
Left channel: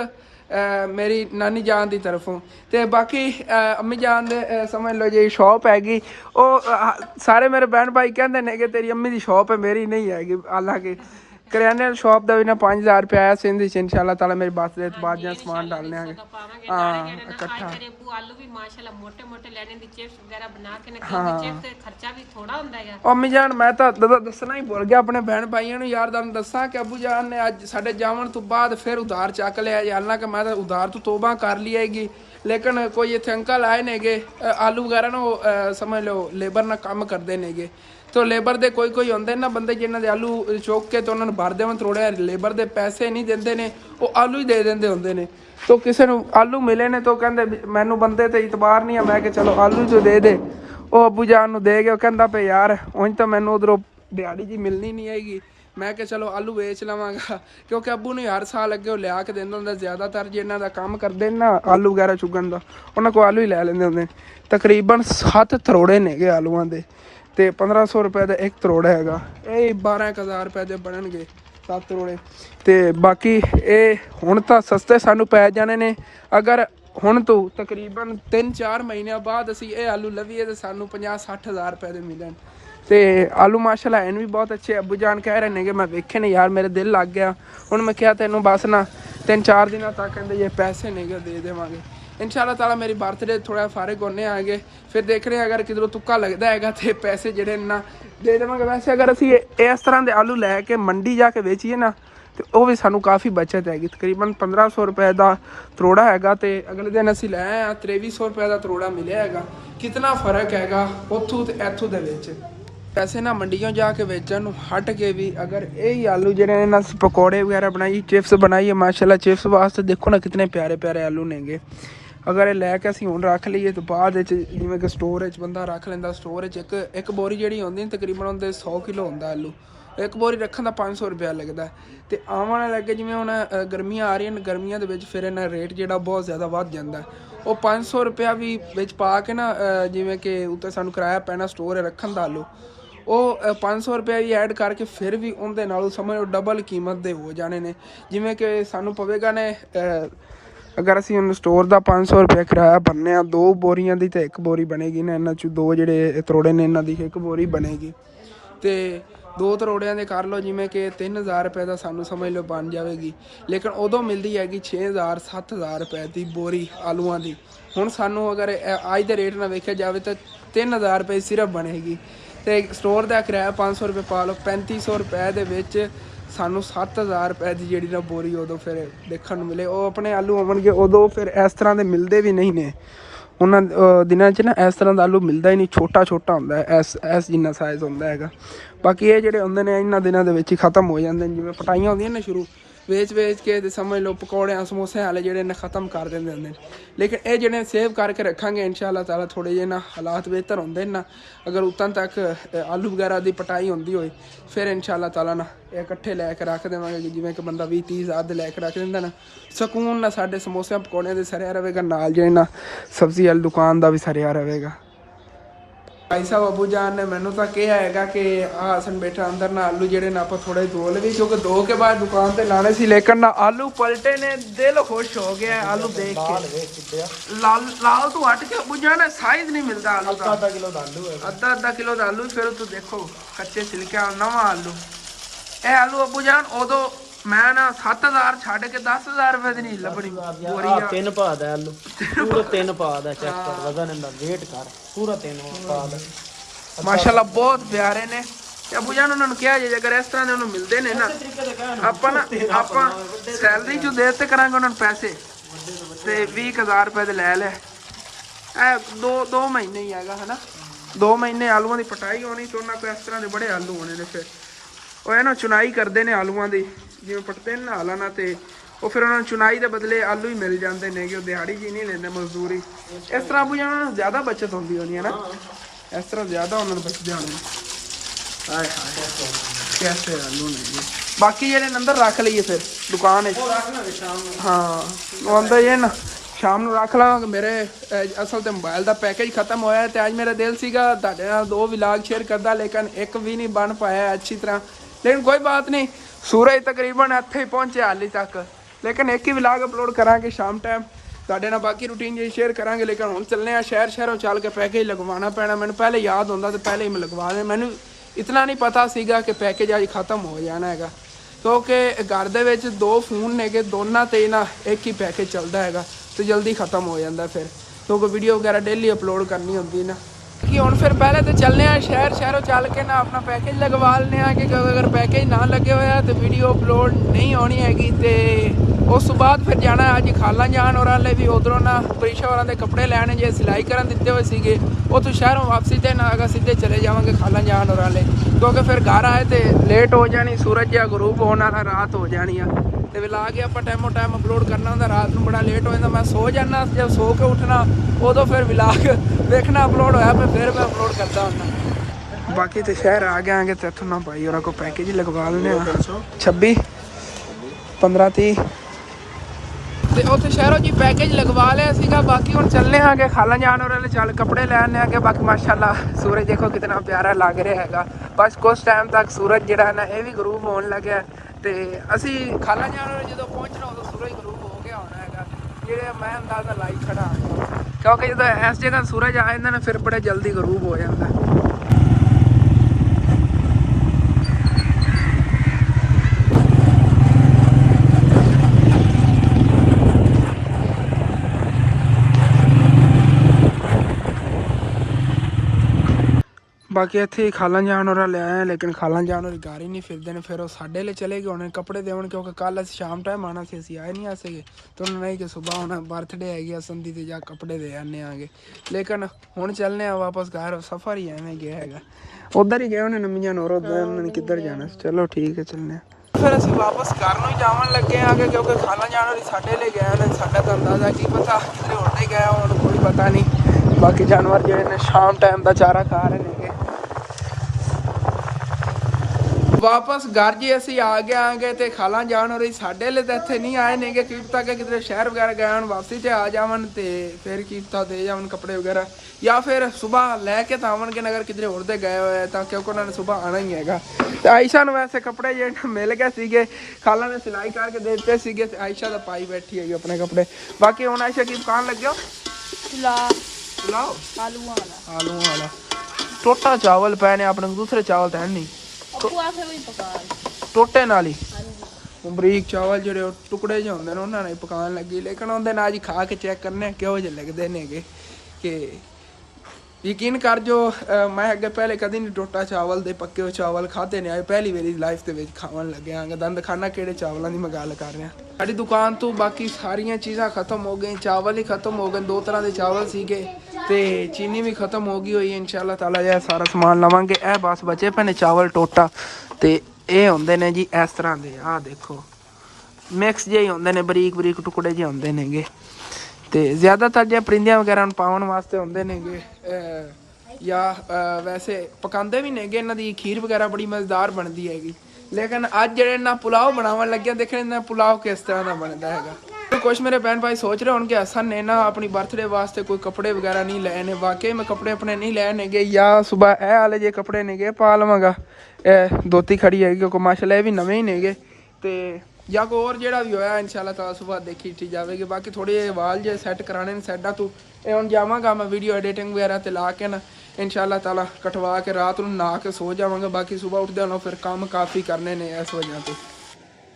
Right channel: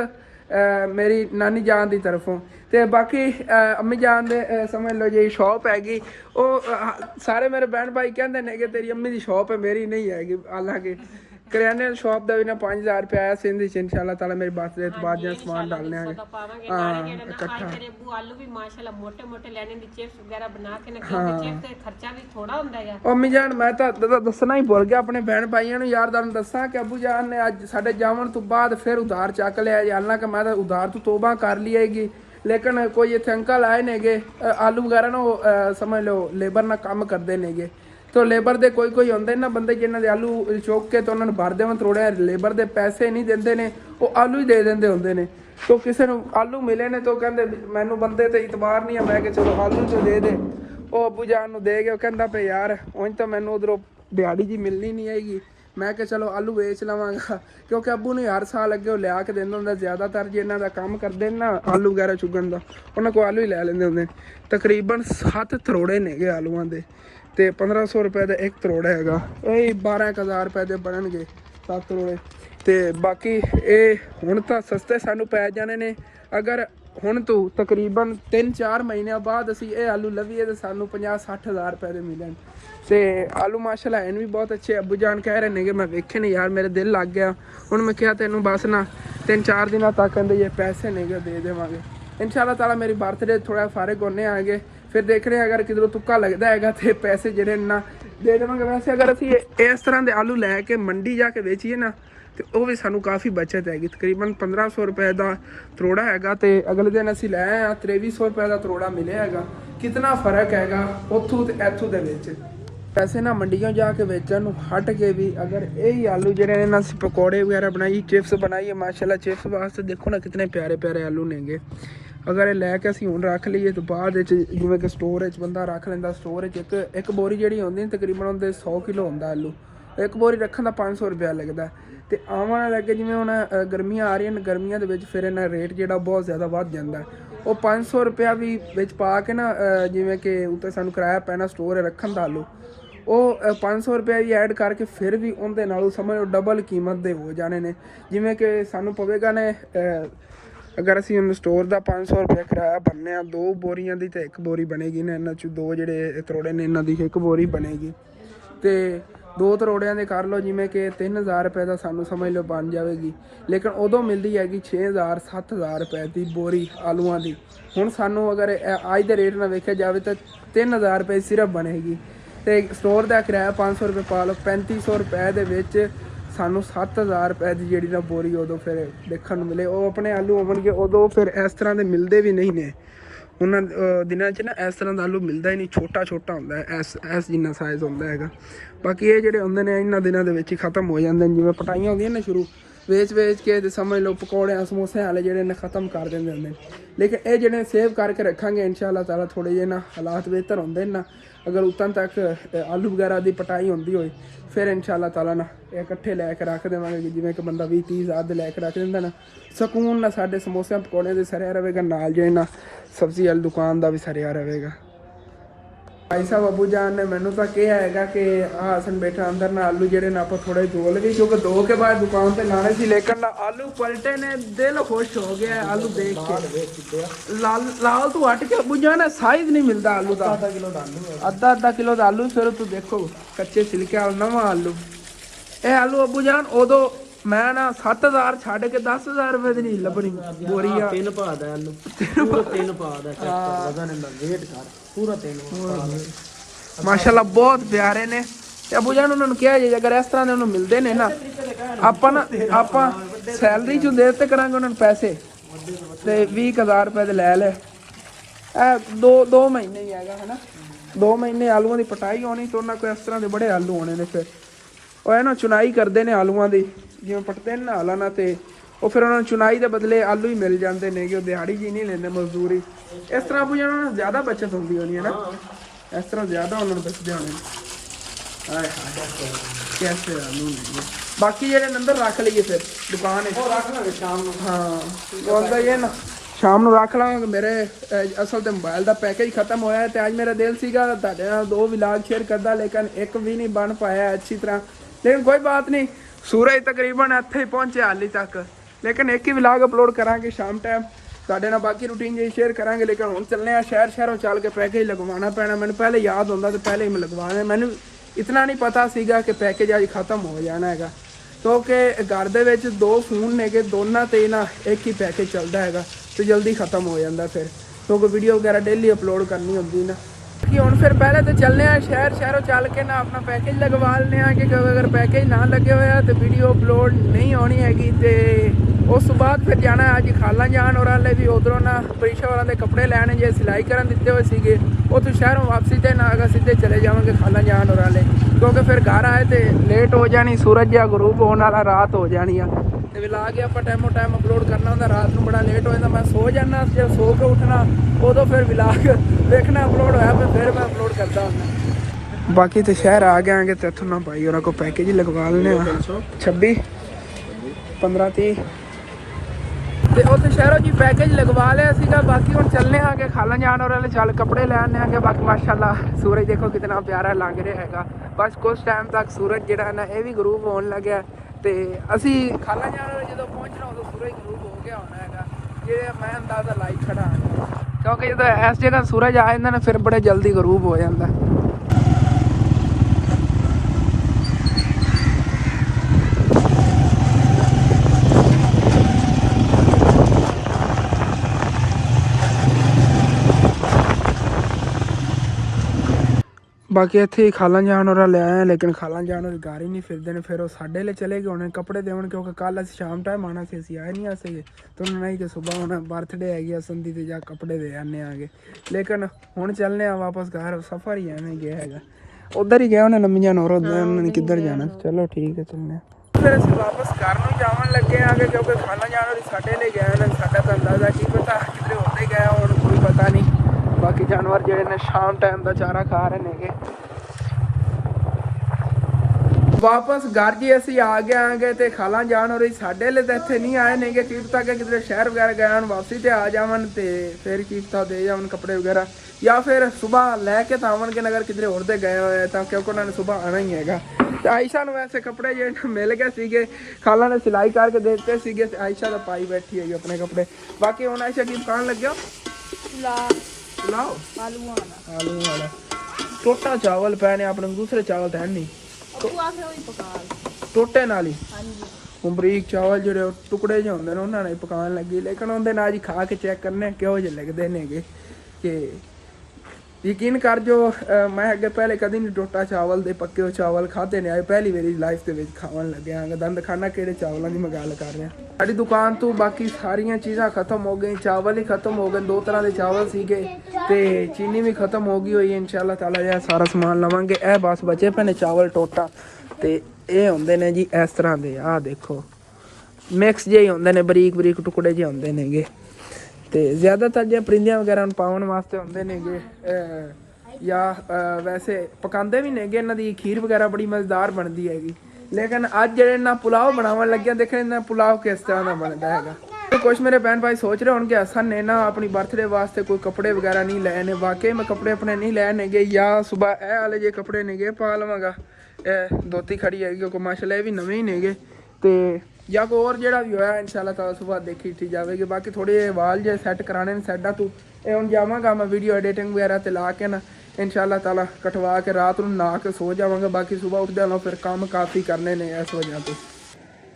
ਮੇਰੀ ਨਾਨੀ ਜਾਨ ਦੀ ਤਰਫੋਂ ਤੇ ਬਾਕੀ ਅੰਮੀ ਜਾਨ ਦੇ ਸਮਝ ਲਓ ਜੀ ਸ਼ੌਪ ਹੈਗੀ ਉਹ ਸਾਰੇ ਮੇਰੇ ਭੈਣ ਭਾਈ ਕਹਿੰਦੇ ਨੇ ਕਿ ਤੇਰੀ ਅੰਮੀ ਦੀ ਸ਼ੌਪ ਹੈ ਮੇਰੀ ਨਹੀਂ ਹੈਗੀ ਹਾਲਾਂਕਿ ਕਰਿਆਨੇ ਦੀ ਸ਼ਾਪ ਦਾ ਵੀ ਨਾ 5000 ਰੁਪਏ ਆਇਆ ਸੀ ਇਹਦੇ ਚ ਇਨਸ਼ਾਅੱਲਾ ਤਾਲਾ ਮੇਰੇ ਬਰਥਡੇ ਤੋਂ ਬਾਅਦ ਜਾਂ ਸਮਾਨ ਡਾਲਨੇ ਆਗੇ ਹਾਂ ਇਕੱਠਾ ਤੇਰੇ ਅੱਬੂ ਆਲੂ ਵੀ ਮਾਸ਼ਾਅੱਲਾ ਮੋਟੇ ਮੋਟੇ ਲੈਣੇ ਦੀ ਚਿਪਸ ਵਗੈਰਾ ਬਣਾ ਕੇ ਨਾ ਕਿਉਂਕਿ ਚਿਪਸ ਤੇ ਖਰਚਾ ਵੀ ਥੋੜਾ ਹੁੰਦਾ ਹੈਗਾ। ਅੰਮੀ ਜਾਨ ਮੈਂ ਤਾਂ ਦੱਸਣਾ ਹੀ ਭੁੱਲ ਗਿਆ ਆਪਣੇ ਭੈਣ ਭਾਈਆਂ ਨੂੰ ਯਾਰ ਤੁਹਾਨੂੰ ਦੱਸਾਂ ਕਿ ਅੱਬੂ ਜਾਨ ਨੇ ਅੱਜ ਸਾਡੇ ਜਾਵਣ ਤੋਂ ਬਾਅਦ ਫਿਰ ਉਧਾਰ ਚੱਕ ਲਿਆ ਜੀ। ਹਾਲਾਂਕਿ ਮੈਂ ਤਾਂ ਉਧਾਰ ਤੋਂ ਤੋਬਾ ਕਰ ਲਈ ਹੈਗੀ ਲੇਕਿਨ ਕੋਈ ਇੱਥੇ ਅੰਕਲ ਆਏ ਨੇਗੇ ਆਲੂ ਵਗੈਰਾ ਨਾ ਸਮਝ ਲਓ ਲੇਬਰ ਨਾਲ ਕੰਮ ਕਰਦੇ ਨੇਗੇ ਤੋ ਲੇਬਰ ਦੇ ਕੋਈ ਹੁੰਦੇ ਨਾ ਬੰਦੇ ਜਿਨ੍ਹਾਂ ਦੇ ਆਲੂ ਚੋਕ ਕੇ ਤਾਂ ਉਹਨਾਂ ਨੂੰ ਭਰ ਦੇਵਨ ਥੋੜਾ ਲੇਬਰ ਦੇ ਪੈਸੇ ਨਹੀਂ ਦਿੰਦੇ ਨੇ ਉਹ ਆਲੂ ਹੀ ਦੇ ਦਿੰਦੇ ਹੁੰਦੇ ਨੇ। ਤੋ ਕਿਸੇ ਨੂੰ ਆਲੂ ਮਿਲੇ ਨੇ ਤਾਂ ਕਹਿੰਦੇ ਮੈਨੂੰ ਬੰਦੇ ਤੇ ਇਤਬਾਰ ਨਹੀਂ ਹੈ ਮੈਂ ਕਿ ਚਲੋ ਆਲੂ ਜੋ ਦੇ ਉਹ ਅੱਬੂ ਜਾਨ ਨੂੰ ਦੇ ਗਿਆ। ਉਹ ਕਹਿੰਦਾ ਪਏ ਯਾਰ ਉਂਝ ਤਾਂ ਮੈਨੂੰ ਉਧਰੋਂ ਦਿਹਾੜੀ ਜੀ ਮਿਲਣੀ ਨਹੀਂ ਆਏਗੀ ਮੈਂ ਕਿ ਚਲੋ ਆਲੂ ਵੇਚ ਲਵਾਂਗਾ ਕਿਉਂਕਿ ਅੱਬੂ ਨੂੰ ਹਰ ਸਾਲ ਅੱਗੇ ਉਹ ਲਿਆ ਕੇ ਦਿੰਦਾ ਹੁੰਦਾ ਜ਼ਿਆਦਾਤਰ ਜੇ ਇਹਨਾਂ ਦਾ ਕੰਮ ਕਰਦੇ ਨੇ ਨਾ ਆਲੂ ਵਗੈਰਾ ਚੁਗਣ ਦਾ ਉਹਨਾਂ ਕੋਲ ਆਲੂ ਹੀ ਲੈ ਲੈਂਦੇ ਹੁੰਦੇ। ਤਕਰੀਬਨ 7 ਤਰੋੜੇ ਨੇਗੇ ਆਲੂਆਂ ਦੇ ਤੇ 1500 ਰੁਪਏ ਦਾ ਇੱਕ ਤਰੋੜਾ ਹੈਗਾ ਇਹ 12000 ਰੁਪਏ ਦੇ ਬਣਨਗੇ 7 ਤਰੋੜੇ ਤੇ ਬਾਕੀ ਇਹ ਹੁਣ ਤਾਂ ਸਸਤੇ ਸਾਨੂੰ ਪੈ ਜਾਣੇ ਨੇ ਅਗਰ ਹੁਣ ਤੋਂ ਤਕਰੀਬਨ 3-4 ਮਹੀਨਿਆਂ ਬਾਅਦ ਅਸੀਂ ਇਹ ਆਲੂ ਲਵੀਏ ਤਾਂ ਸਾਨੂੰ 50-60 ਹਜ਼ਾਰ ਰੁਪਏ ਦੇ ਮਿਲਣ ਤੇ ਆਲੂ ਮਾਸ਼ਾਅੱਲਾ ਐਨ ਵੀ ਬਹੁਤ ਅੱਛੇ ਅੱਬੂ ਜਾਨ ਕਹਿ ਰਹੇ ਨੇ ਕਿ ਮੈਂ ਵੇਖੇ ਨੇ ਯਾਰ ਮੇਰੇ ਦਿਲ ਲੱਗ ਗਿਆ ਹੁਣ ਮੈਂ ਕਿਹਾ ਤੈਨੂੰ ਬਸ ਨਾ 3-4 ਦਿਨਾਂ ਤੱਕ ਕਹਿੰਦੇ ਇਹ ਪੈਸੇ ਨਹੀਂ ਦੇ ਦੇਵਾਂਗੇ इंशाल्लाह ताला मेरी बर्थडे थोड़ा फारिग होने आगे फिर देख रहे हैं अगर किधरों तुक्का लगता है तो पैसे जेडे ना दे देवांगे। वैसे अगर असी इस तरह के आलू लैके मंडी जाके बेचीए ना तो वह भी सानू काफ़ी बचत हैगी तकरीबन 1500 रुपए का तरोड़ा हैगा तो अगले दिन असी लै आए 2300 रुपए का तरोड़ा मिले हैगा। कितना फर्क हैगा उथों ते इथों दे विच। वैसे ना मंडियों जाके बेचन हट के भी अगर यही आलू जिन्हें ना पकौड़े वगैरह बनाइए चिप्स बनाइए माशाल्लाह चिप्स वास्ते देखो ना कितने प्यारे प्यारे आलू नेगे। अगर ये लैके असीं हुण रख लीए तो बाद जिवें कि स्टोर बंदा रख लैंदा स्टोर एक बोरी जिहड़ी होंदी तकरीबन उहदे 100 किलो होंदा आलू एक बोरी रखण दा 500 रुपया लगदा ते आवन वाले लगे जिवें हुण गर्मियां आ रही गर्मियां दे विच फिर इन्हां रेट जिहड़ा बहुत ज़्यादा वध जांदा ਉਹ 500 रुपया भी विच पा के ना जिवें कि उत्ते सानूं किराया पैना स्टोर रखण दा आलू ਉਹ 500 रुपया भी ऐड करके फिर भी ਉਹਦੇ ਨਾਲੋਂ समझ लो डबल कीमत ਦੇ ਹੋ ਜਾਣੇ ਨੇ। ਜਿਵੇਂ ਕਿ ਸਾਨੂੰ ਪਵੇਗਾ ਨੇ अगर असीं उन स्टोर का 500 रुपया किराया भरने 2 बोरियां की तो एक बोरी बनेगी ना इन्हां चों 2 जिहड़े तरोड़े ने इन्हां दी एक बोरी बनेगी तो 2 तरोड़ियां दे कर लो जिवें कि 3000 रुपए का सानूं समझ लो बन जाएगी लेकिन उदों मिलती हैगी 6000-7000 रुपए की बोरी आलूआं दी। हुण सानूं अगर अज दे रेट नाल वेखिया जाए तो 3000 रुपए सिर्फ बनेगी तो स्टोर का किराया 500 रुपए पा लो 3500 रुपए दे विच सानू 7000 रुपए की जी ना बोरी उदों फिर देखने को मिले। वो अपने आलू होवणगे उदों फिर इस तरह के मिलते भी नहीं ने उन्होंने दिनों च ना इस तरह का आलू मिलता ही नहीं छोटा छोटा होंदा है इस जिन्ना साइज़ होंदा है। बाकी ये जिहड़े होंदे ने इन्हां दिनों दे विच ही खत्म हो जांदे ने जिवें पटाइयां होंदियां ना शुरू वेच के ते समझ लो पकौड़े समोसे वाले जिहड़े ने ख़त्म कर देंदे होंदे लेकिन ये जिहड़े सेव करके रखांगे इंशाअल्लाह ताला थोड़े जे ना हालात बेहतर होंदे ना अगर उतन तक आलू वगैरह की पटाई होंदी होए फिर इंशाअल्लाह ताला ना ये इकट्ठे लैके रख देवांगे जिवें कि बंदा 20-30 हज़ार दे लैके रख दिंदा ना सकून ना साडे समोसे पकौड़े दे सरिया रहेगा नाल जिहड़े ना सब्जी वाली दुकान का भी सरिया रहेगा। भाई साहब अबू जान ने मैनू तो कहा है कि हसन बैठा अंदर ना आलू जेडे ना आप थोड़े धो लगे क्योंकि धो के बाद दुकान पे लाने सी लेकिन ना आलू पलटे ने दिल खुश हो गया आलू देख के लाल तो हट के अबू जान साइज नहीं मिलता आलू का आधा किलो का आलू फिर तू देखो कच्चे छिलके वाला नवा आलू ये आलू अबू जान उदो मैं ना 7000 छड़ के 10000 रुपए की नहीं लभनी बोरी तीन पा दा आलू तीन पा दा वजन वेट कर पूरा तीन माशाल्लाह बहुत प्यारे ने अबू जान उन्होंने कहा जी अगर इस तरह उन्होंने मिलते हैं ना आप सैलरी जो देते करांगे उन्होंने पैसे तो 20000 रुपए दे ले दो महीने ही हैगा है ना 2 महीने आलूआं की पटाई होनी तो उन्होंने कोई इस तरह के बड़े आलू होने ने फिर वो है ना चुनाई करते हैं आलूआं की जिवें पटते हैं ना आला ना तो वो फिर उन्होंने चुनाई के बदले आलू ही मिल जाते हैं कि दिहाड़ी जी नहीं लेंदे मजदूरी इस तरह अबू जान उन्होंने ज़्यादा बचत होती होनी है ना इस तरह ज़्यादा उन्होंने बचते होने। हाय हाय कैसे आलू ने बाकी जेडे अंदर रख लीए फिर दुकान रख लांगे शाम को। हाँ वो अंदर ये ना शाम को रख लाँगा मेरे असल तो मोबाइल का पैकेज खत्म होया तो अज मेरा दिल सीगा तुहाडे नाल 2 व्लॉग शेयर करदा लेकिन एक भी नहीं बन पाया अच्छी तरह लेकिन कोई बात नहीं सूरज तकरीबन इत्थे ही पहुंचे हाली तक लेकिन एक ही व्लॉग अपलोड करांगे शाम टाइम तुहाडे नाल बाकी रूटीन जी शेयर करांगे। लेकिन हुण चलने आ शहरों चल के पैकेज लगवाना पैना मैंने पहले याद होंदा तो पहले ही मैं लगवा दें मैंने इतना नहीं पता सीगा कि पैकेज अज खत्म हो जाना हैगा ਕਿਉਂਕਿ ਘਰ ਦੇ ਵਿੱਚ 2 ਫੋਨ ਨੇਗੇ, ਦੋਨਾਂ ਤੇ ਨਾ ਇੱਕ ਹੀ ਪੈਕੇਜ ਚੱਲਦਾ ਹੈਗਾ ਤੇ ਜਲਦੀ ਖਤਮ ਹੋ ਜਾਂਦਾ ਫਿਰ, ਕਿਉਂਕਿ ਵੀਡੀਓ ਵਗੈਰਾ ਡੇਲੀ ਅਪਲੋਡ ਕਰਨੀ ਹੁੰਦੀ ਨਾ। ਕਿ ਹੁਣ ਫਿਰ ਪਹਿਲੇ ਤਾਂ ਚੱਲਨੇ ਆ ਸ਼ਹਿਰੋਂ ਚੱਲ ਕੇ ਨਾ ਆਪਣਾ ਪੈਕੇਜ ਲਗਵਾ ਲੈਂਦੇ ਆ ਕਿ ਅਗਰ ਪੈਕੇਜ ਨਾ ਲੱਗੇ ਹੋਇਆ ਤੇ ਵੀਡੀਓ ਅਪਲੋਡ ਨਹੀਂ ਹੋਣੀ ਹੈਗੀ। ਤੇ ਉਸ ਤੋਂ ਬਾਅਦ ਫਿਰ ਜਾਣਾ ਅੱਜ ਖਾਲਾ ਜਾਣ ਔਰ ਵਾਲੇ ਵੀ ਉਧਰੋਂ ਨਾ ਪ੍ਰੀਸ਼ਾ ਹੋਰਾਂ ਦੇ ਕੱਪੜੇ ਲੈਣੇ ਜੇ ਸਿਲਾਈ ਕਰਨ ਦਿੱਤੇ ਹੋਏ ਸੀਗੇ, ਉੱਥੋਂ ਸ਼ਹਿਰੋਂ ਵਾਪਸੀ ਤੇ ਨਾ ਹੈਗਾ ਸਿੱਧੇ ਚਲੇ ਜਾਵਾਂਗੇ ਖਾਲਾ ਜਾਣ ਔਰ ਵਾਲੇ, ਕਿਉਂਕਿ ਫਿਰ ਘਰ ਆਏ ਤੇ ਲੇਟ ਹੋ ਜਾਣੀ, ਸੂਰਜ ਜਾਂ ਗਰੂਬ ਹੋਣ ਵਾਲਾ, ਰਾਤ ਹੋ ਜਾਣੀ ਆ। ਤੇ ਵਲੌਗ ਆਪਾਂ ਟਾਈਮੋ ਟਾਈਮ ਅਪਲੋਡ ਕਰਨਾ ਹੁੰਦਾ, ਰਾਤ ਨੂੰ ਬੜਾ ਲੇਟ ਹੋ ਜਾਂਦਾ, ਮੈਂ ਸੋ ਜਾਂਦਾ, ਜਦ ਸੋ ਕੇ ਉੱਠਣਾ ਉਦੋਂ ਫਿਰ ਵਲੌਗ ਦੇਖਣਾ ਅਪਲੋਡ ਹੋਇਆ ਫਿਰ ਮੈਂ ਅਪਲੋਡ ਕਰਦਾ ਹੁੰਦਾ। ਬਾਕੀ ਤੇ ਸ਼ਹਿਰ ਆ ਗਏ ਆਂਗੇ ਤੇ ਇੱਥੋਂ ਨਾ ਭਾਈ ਉਹਨਾਂ ਕੋ ਪੈਕੇਜ ਹੀ ਲਗਵਾ ਲੈਣੇ ਆ 26 15 30 ਤੇ ਉੱਥੇ ਸ਼ਹਿਰੋਂ ਜੀ ਪੈਕੇਜ ਲਗਵਾ ਲਿਆ ਸੀਗਾ। ਬਾਕੀ ਹੁਣ ਚੱਲਨੇ ਆਂਗੇ ਖਾਲਾ ਜਾਣ ਔਰ ਚੱਲ ਕੱਪੜੇ ਲੈਣੇ ਆਂਗੇ। ਬਾਕੀ ਮਾਸ਼ਾਅੱਲਾ ਸੂਰਜ ਦੇਖੋ ਕਿਤਨਾ ਪਿਆਰਾ ਲੱਗ ਰਿਹਾ ਹੈਗਾ। ਬਸ ਕੁਝ ਟਾਈਮ ਤੱਕ ਸੂਰਜ ਜਿਹੜਾ ਨਾ ਇਹ ਵੀ ਗਰੂਬ ਹੋਣ ਲੱਗਿਆ ਤੇ ਅਸੀਂ ਖਾਲਾ ਜਾਣ ਜਦੋਂ ਪਹੁੰਚਣਾ ਉਦੋਂ ਸੂਰਜ ਗਰੂਬ ਹੋ ਗਿਆ ਹੋਣਾ ਹੈਗਾ, ਜਿਹੜੇ ਮੈਂ ਅੰਦਾਜ਼ਾ ਲਾਈ ਖੜਾ ਹਾਂ, ਕਿਉਂਕਿ ਜਦੋਂ ਇਸ ਜਗ੍ਹਾ ਸੂਰਜ ਆ ਜਾਂਦਾ ਨਾ ਫਿਰ ਬੜੇ ਜਲਦੀ ਗਰੂਬ ਹੋ ਜਾਂਦਾ। ਬਾਕੀ ਇੱਥੇ ਖਾਲਾ ਜਾਣ ਔਰ ਲੈ ਆਏ, ਲੇਕਿਨ ਖਾਲਾ ਜਾਣ ਔਰ ਘਰ ਹੀ ਨਹੀਂ ਫਿਰਦੇ ਨੇ, ਫਿਰ ਉਹ ਸਾਡੇ ਲਈ ਚਲੇ ਗਏ ਹੋਣੇ ਕੱਪੜੇ ਦੇਣ, ਕਿਉਂਕਿ ਕੱਲ ਅਸੀਂ ਸ਼ਾਮ ਟਾਈਮ ਆਉਣਾ ਸੀ, ਅਸੀਂ ਆਏ ਨਹੀਂ ਆ ਸਕੇ ਤੇ ਉਹਨਾਂ ਨੇ ਕਿ ਸਵੇਰ ਹੁਣ ਬਰਥਡੇ ਹੈਗੀ ਆ ਸੰਦੀ ਤੇ ਜਾ ਕੱਪੜੇ ਦੇ ਆਨੇ ਆਗੇ। ਲੇਕਿਨ ਹੁਣ ਚੱਲਨੇ ਆ ਵਾਪਸ ਘਰ, ਸਫ਼ਰ ਹੀ ਐਵੇਂ ਗਿਆ ਹੈਗਾ, ਉਧਰ ਹੀ ਗਿਆ ਉਹਨੇ ਨਵੀਆਂ ਨੌਰ ਕਿੱਧਰ ਜਾਣਾ। ਚਲੋ ਠੀਕ ਹੈ ਚੱਲਨੇ ਆ। ਫਿਰ ਅਸੀਂ ਵਾਪਸ ਘਰ ਨੂੰ ਜਾਵਣ ਲੱਗੇ ਆਗੇ, ਕਿਉਂਕਿ ਖਾਲਾ ਜਾਣ ਔਰ ਸਾਡੇ ਲਈ ਗਏ ਨੇ, ਸਾਡਾ ਤਾਂ ਅੰਦਾਜ਼ਾ ਕੀ ਪਤਾ ਕਿਤੇ ਹੋਰ ਦੇ ਗਏ ਹੁਣ ਕੋਈ ਪਤਾ ਨਹੀਂ। ਬਾਕੀ ਜਾਨਵਰ ਜਿਹੜੇ ਨੇ ਸ਼ਾਮ ਟਾਈਮ ਦਾ ਚਾਰਾ ਖਾ ਰਹੇ ਨੇਗੇ। ਵਾਪਸ ਘਰ ਜੀ ਅਸੀਂ ਆ ਗਏ ਆਂਗੇ ਤੇ ਖਾਲਾ ਜਾਣ ਔਰ ਸਾਡੇ ਲਈ ਤਾਂ ਇੱਥੇ ਨਹੀਂ ਆਏ ਨੇਗੇ, ਕੀ ਪਤਾ ਕਿ ਕਿਤੇ ਸ਼ਹਿਰ ਵਗੈਰਾ ਗਏ ਹੋਣ ਵਾਪਸੀ ਤੇ ਆ ਜਾਵਣ ਤੇ ਫਿਰ ਕੀ ਪਤਾ ਦੇ ਜਾਵਣ ਕੱਪੜੇ ਵਗੈਰਾ, ਜਾਂ ਫਿਰ ਸਵੇਰ ਲੈ ਕੇ ਤਾਂ ਆਵਣਗੇ ਨਗਰ ਕਿਧਰੇ ਹੋਰ ਦੇ ਗਏ ਹੋਏ ਤਾਂ, ਕਿਉਂਕਿ ਉਹਨਾਂ ਨੇ ਸਵੇਰ ਆਣਾ ਹੀ ਹੈਗਾ। ਤੇ ਆਇਸ਼ਾ ਨੂੰ ਵੈਸੇ ਕੱਪੜੇ ਜਿਹੜੇ ਮਿਲ ਗਏ ਸੀਗੇ, ਖਾਲਾ ਨੇ ਸਿਲਾਈ ਕਰਕੇ ਦੇ ਦਿੱਤੇ ਸੀਗੇ ਤੇ ਆਇਸ਼ਾ ਦਾ ਪਾਈ ਬੈਠੀ ਹੈਗੀ ਆਪਣੇ ਕੱਪੜੇ। ਬਾਕੀ ਹੁਣ ਆਇਸ਼ਾ ਕੀ ਦੁਕਾਨ ਲੱਗਿਆ ਆਲੂ ਵਾਲਾ ਟੋਟਾ ਚਾਵਲ ਪਏ ਨੇ ਆਪਣੇ, ਦੂਸਰੇ ਚਾਵਲ ਤਾਂ ਨਹੀਂ ਟੋਟੇ ਨਾਲ ਹੀ ਬਰੀਕ ਚਾਵਲ ਜਿਹੜੇ ਉਹ ਟੁਕੜੇ ਜਿਹੇ ਹੁੰਦੇ ਨੇ ਉਹਨਾਂ ਨੇ ਪਕਾਉਣ ਲੱਗੀ। ਲੇਕਿਨ ਉਹਦੇ ਨਾਲ ਜੀ ਖਾ ਕੇ ਚੈੱਕ ਕਰਨੇ ਕਿਹੋ ਜਿਹੇ ਲੱਗਦੇ ਨੇਗੇ। ਕਿ ਯਕੀਨ ਕਰ ਜੋ ਮੈਂ ਅੱਗੇ ਪਹਿਲੇ ਕਦੀ ਨਹੀਂ ਟੋਟਾ ਚਾਵਲ ਦੇ ਪੱਕੇ ਹੋਏ ਚਾਵਲ ਖਾਦੇ ਨੇ, ਆਏ ਪਹਿਲੀ ਵਾਰੀ ਲਾਈਫ ਦੇ ਵਿੱਚ ਖਾਣ ਲੱਗਿਆਂਗਾ। ਦੰਦ ਖਾਣਾ ਕਿਹੜੇ ਚਾਵਲਾਂ ਦੀ ਮੈਂ ਗੱਲ ਕਰ ਰਿਹਾ। ਸਾਡੀ ਦੁਕਾਨ ਤੋਂ ਬਾਕੀ ਸਾਰੀਆਂ ਚੀਜ਼ਾਂ ਖਤਮ ਹੋ ਗਈਆਂ, ਚਾਵਲ ਹੀ ਖਤਮ ਹੋ ਗਏ, 2 ਤਰ੍ਹਾਂ ਦੇ ਚਾਵਲ ਸੀਗੇ ਤੇ ਚੀਨੀ ਵੀ ਖਤਮ ਹੋ ਗਈ ਹੋਈ ਹੈ। ਇਨਸ਼ਾਅੱਲਾ ਤਾਲਾ ਇਹ ਸਾਰਾ ਸਮਾਨ ਲਵਾਂਗੇ। ਇਹ ਬਸ ਬਚੇ ਪਏ ਨੇ ਚਾਵਲ ਟੋਟਾ, ਤੇ ਇਹ ਹੁੰਦੇ ਨੇ ਜੀ ਇਸ ਤਰ੍ਹਾਂ ਦੇ, ਆਹ ਦੇਖੋ ਮਿਕਸ ਜਿਹੇ ਹੁੰਦੇ ਨੇ, ਬਰੀਕ ਬਰੀਕ ਟੁਕੜੇ ਜਿਹੇ ਹੁੰਦੇ ਨੇਗੇ। ਤੇ ਜ਼ਿਆਦਾਤਰ ਜੇ ਪਰਿੰਦੀਆਂ ਵਗੈਰਾ ਨੂੰ ਪਾਉਣ ਵਾਸਤੇ ਹੁੰਦੇ ਨੇਗੇ, ਜਾਂ ਵੈਸੇ ਪਕਾਉਂਦੇ ਵੀ ਨੇਗੇ। ਇਹਨਾਂ ਦੀ ਖੀਰ ਵਗੈਰਾ ਬੜੀ ਮਜ਼ੇਦਾਰ ਬਣਦੀ ਹੈਗੀ। ਲੇਕਿਨ ਅੱਜ ਜਿਹੜੇ ਨਾ ਪੁਲਾਓ ਬਣਾਉਣ ਲੱਗਿਆ, ਦੇਖਣ ਨਾ ਪੁਲਾਓ ਕਿਸ ਤਰ੍ਹਾਂ ਦਾ ਬਣਦਾ ਹੈਗਾ। ਕੁਛ ਮੇਰੇ ਭੈਣ ਭਾਈ ਸੋਚ ਰਹੇ ਹੋਣਗੇ ਹਸਨ ਨੇ ਨਾ ਆਪਣੀ ਬਰਥਡੇ ਵਾਸਤੇ ਕੋਈ ਕੱਪੜੇ ਵਗੈਰਾ ਨਹੀਂ ਲਏ ਨੇ। ਵਾਕਈ ਮੈਂ ਕੱਪੜੇ ਆਪਣੇ ਨਹੀਂ ਲਏ ਨੇਗੇ, ਜਾਂ ਸਵੇਰ ਇਹ ਵਾਲੇ ਜੇ ਕੱਪੜੇ ਨੇਗੇ ਪਾ ਲਵਾਂਗਾ। ਇਹ ਦੋਤੀ ਖੜੀ ਹੈਗੀ ਕਿਉਂਕਿ ਮਾਸ਼ਾਅੱਲਾ ਇਹ ਵੀ ਨਵੇਂ ਹੀ ਨੇਗੇ। ਤੇ ਜਾਂ ਕੋਈ ਹੋਰ ਜਿਹੜਾ ਵੀ ਹੋਇਆ ਇਨਸ਼ਾਅੱਲਾ ਤਾਲਾ ਸੁਬਾਹ ਦੇਖੀ ਠੀਕ ਜਾਵੇਗੀ। ਬਾਕੀ ਥੋੜੇ ਜਿਹੇ ਵਾਲ ਜੇ ਸੈੱਟ ਕਰਾਣੇ ਨੇ ਸਾਈਡਾਂ ਤੋਂ, ਇਹ ਹੁਣ ਜਾਵਾਂਗਾ ਮੈਂ ਵੀਡੀਓ ਐਡੀਟਿੰਗ ਵਗੈਰਾ ਤੇ ਲਾ ਕੇ ਨਾ ਇਨਸ਼ਾਅੱਲਾ ਤਾਲਾ ਕਟਵਾ ਕੇ ਰਾਤ ਨੂੰ ਨਹਾ ਕੇ ਸੋ ਜਾਵਾਂਗਾ। ਬਾਕੀ ਸੁਬਾਹ ਉੱਠਦੇ ਨਾਲ ਫਿਰ ਕੰਮ ਕਾਫੀ ਕਰਨੇ ਨੇ ਇਸ ਵਜ੍ਹਾ ਤੋਂ।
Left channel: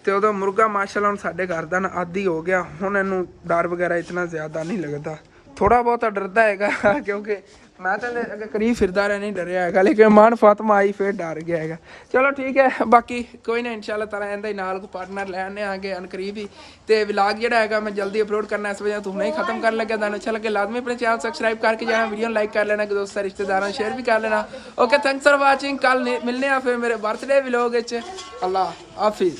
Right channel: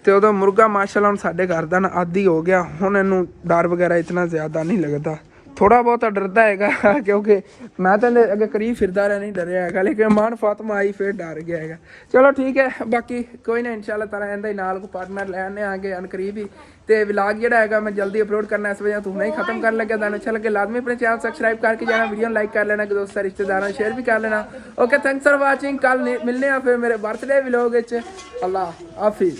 ਤੇ ਉਦੋਂ ਮੁਰਗਾ ਮਾਸ਼ਾਅੱਲਾ ਹੁਣ ਸਾਡੇ ਘਰ ਦਾ ਨਾ ਆਦੀ ਹੋ ਗਿਆ, ਹੁਣ ਇਹਨੂੰ ਡਰ ਵਗੈਰਾ ਇਤਨਾ ਜ਼ਿਆਦਾ ਨਹੀਂ ਲੱਗਦਾ। ਥੋੜਾ ਬਹੁਤਾ ਡਰਦਾ ਹੈਗਾ ਕਿਉਂਕਿ ਮੈਂ ਤਾਂ ਅੱਗੇ ਕਰੀਬ ਫਿਰਦਾ ਰਿਹਾ, ਨਹੀਂ ਡਰਿਆ ਹੈਗਾ। ਲੇਕਿਨ ਮਾਨ ਫਾਤਮਾ ਆਈ ਫਿਰ ਡਰ ਗਿਆ ਹੈਗਾ। ਚਲੋ ਠੀਕ ਹੈ, ਬਾਕੀ ਕੋਈ ਨਾ ਇਨਸ਼ਾਅੱਲਾ ਤਾਲਾ ਇਹਦਾ ਹੀ ਨਾਲ ਕੋਈ ਪਾਰਟਨਰ ਲੈ ਆਨੇ ਆਗੇ ਅਨਕਰੀਬ ਹੀ। ਤੇ ਵਲੌਗ ਜਿਹੜਾ ਹੈਗਾ ਮੈਂ ਜਲਦੀ ਅਪਲੋਡ ਕਰਨਾ, ਇਸ ਵਜ੍ਹਾ ਤੋਂ ਹੁਣੇ ਹੀ ਖਤਮ ਕਰਨ ਲੱਗਿਆ। ਤੁਹਾਨੂੰ ਅੱਛਾ ਲੱਗੇ ਲਾਜ਼ਮੀ ਆਪਣੇ ਚੈਨਲ ਸਬਸਕ੍ਰਾਈਬ ਕਰਕੇ ਜਾਣਾ, ਵੀਡੀਓ ਨੂੰ ਲਾਈਕ ਕਰ ਲੈਣਾ, ਕਿ ਦੋਸਤਾਂ ਰਿਸ਼ਤੇਦਾਰਾਂ ਨੂੰ ਸ਼ੇਅਰ ਵੀ ਕਰ ਲੈਣਾ। Okay, thanks for watching. ਕੱਲ ਮਿਲਨੇ ਆ ਫਿਰ ਮੇਰੇ ਬਰਥਡੇ ਵਲੌਗ ਵਿੱਚ। ਅੱਲਾ ਹਾਫਿਜ਼।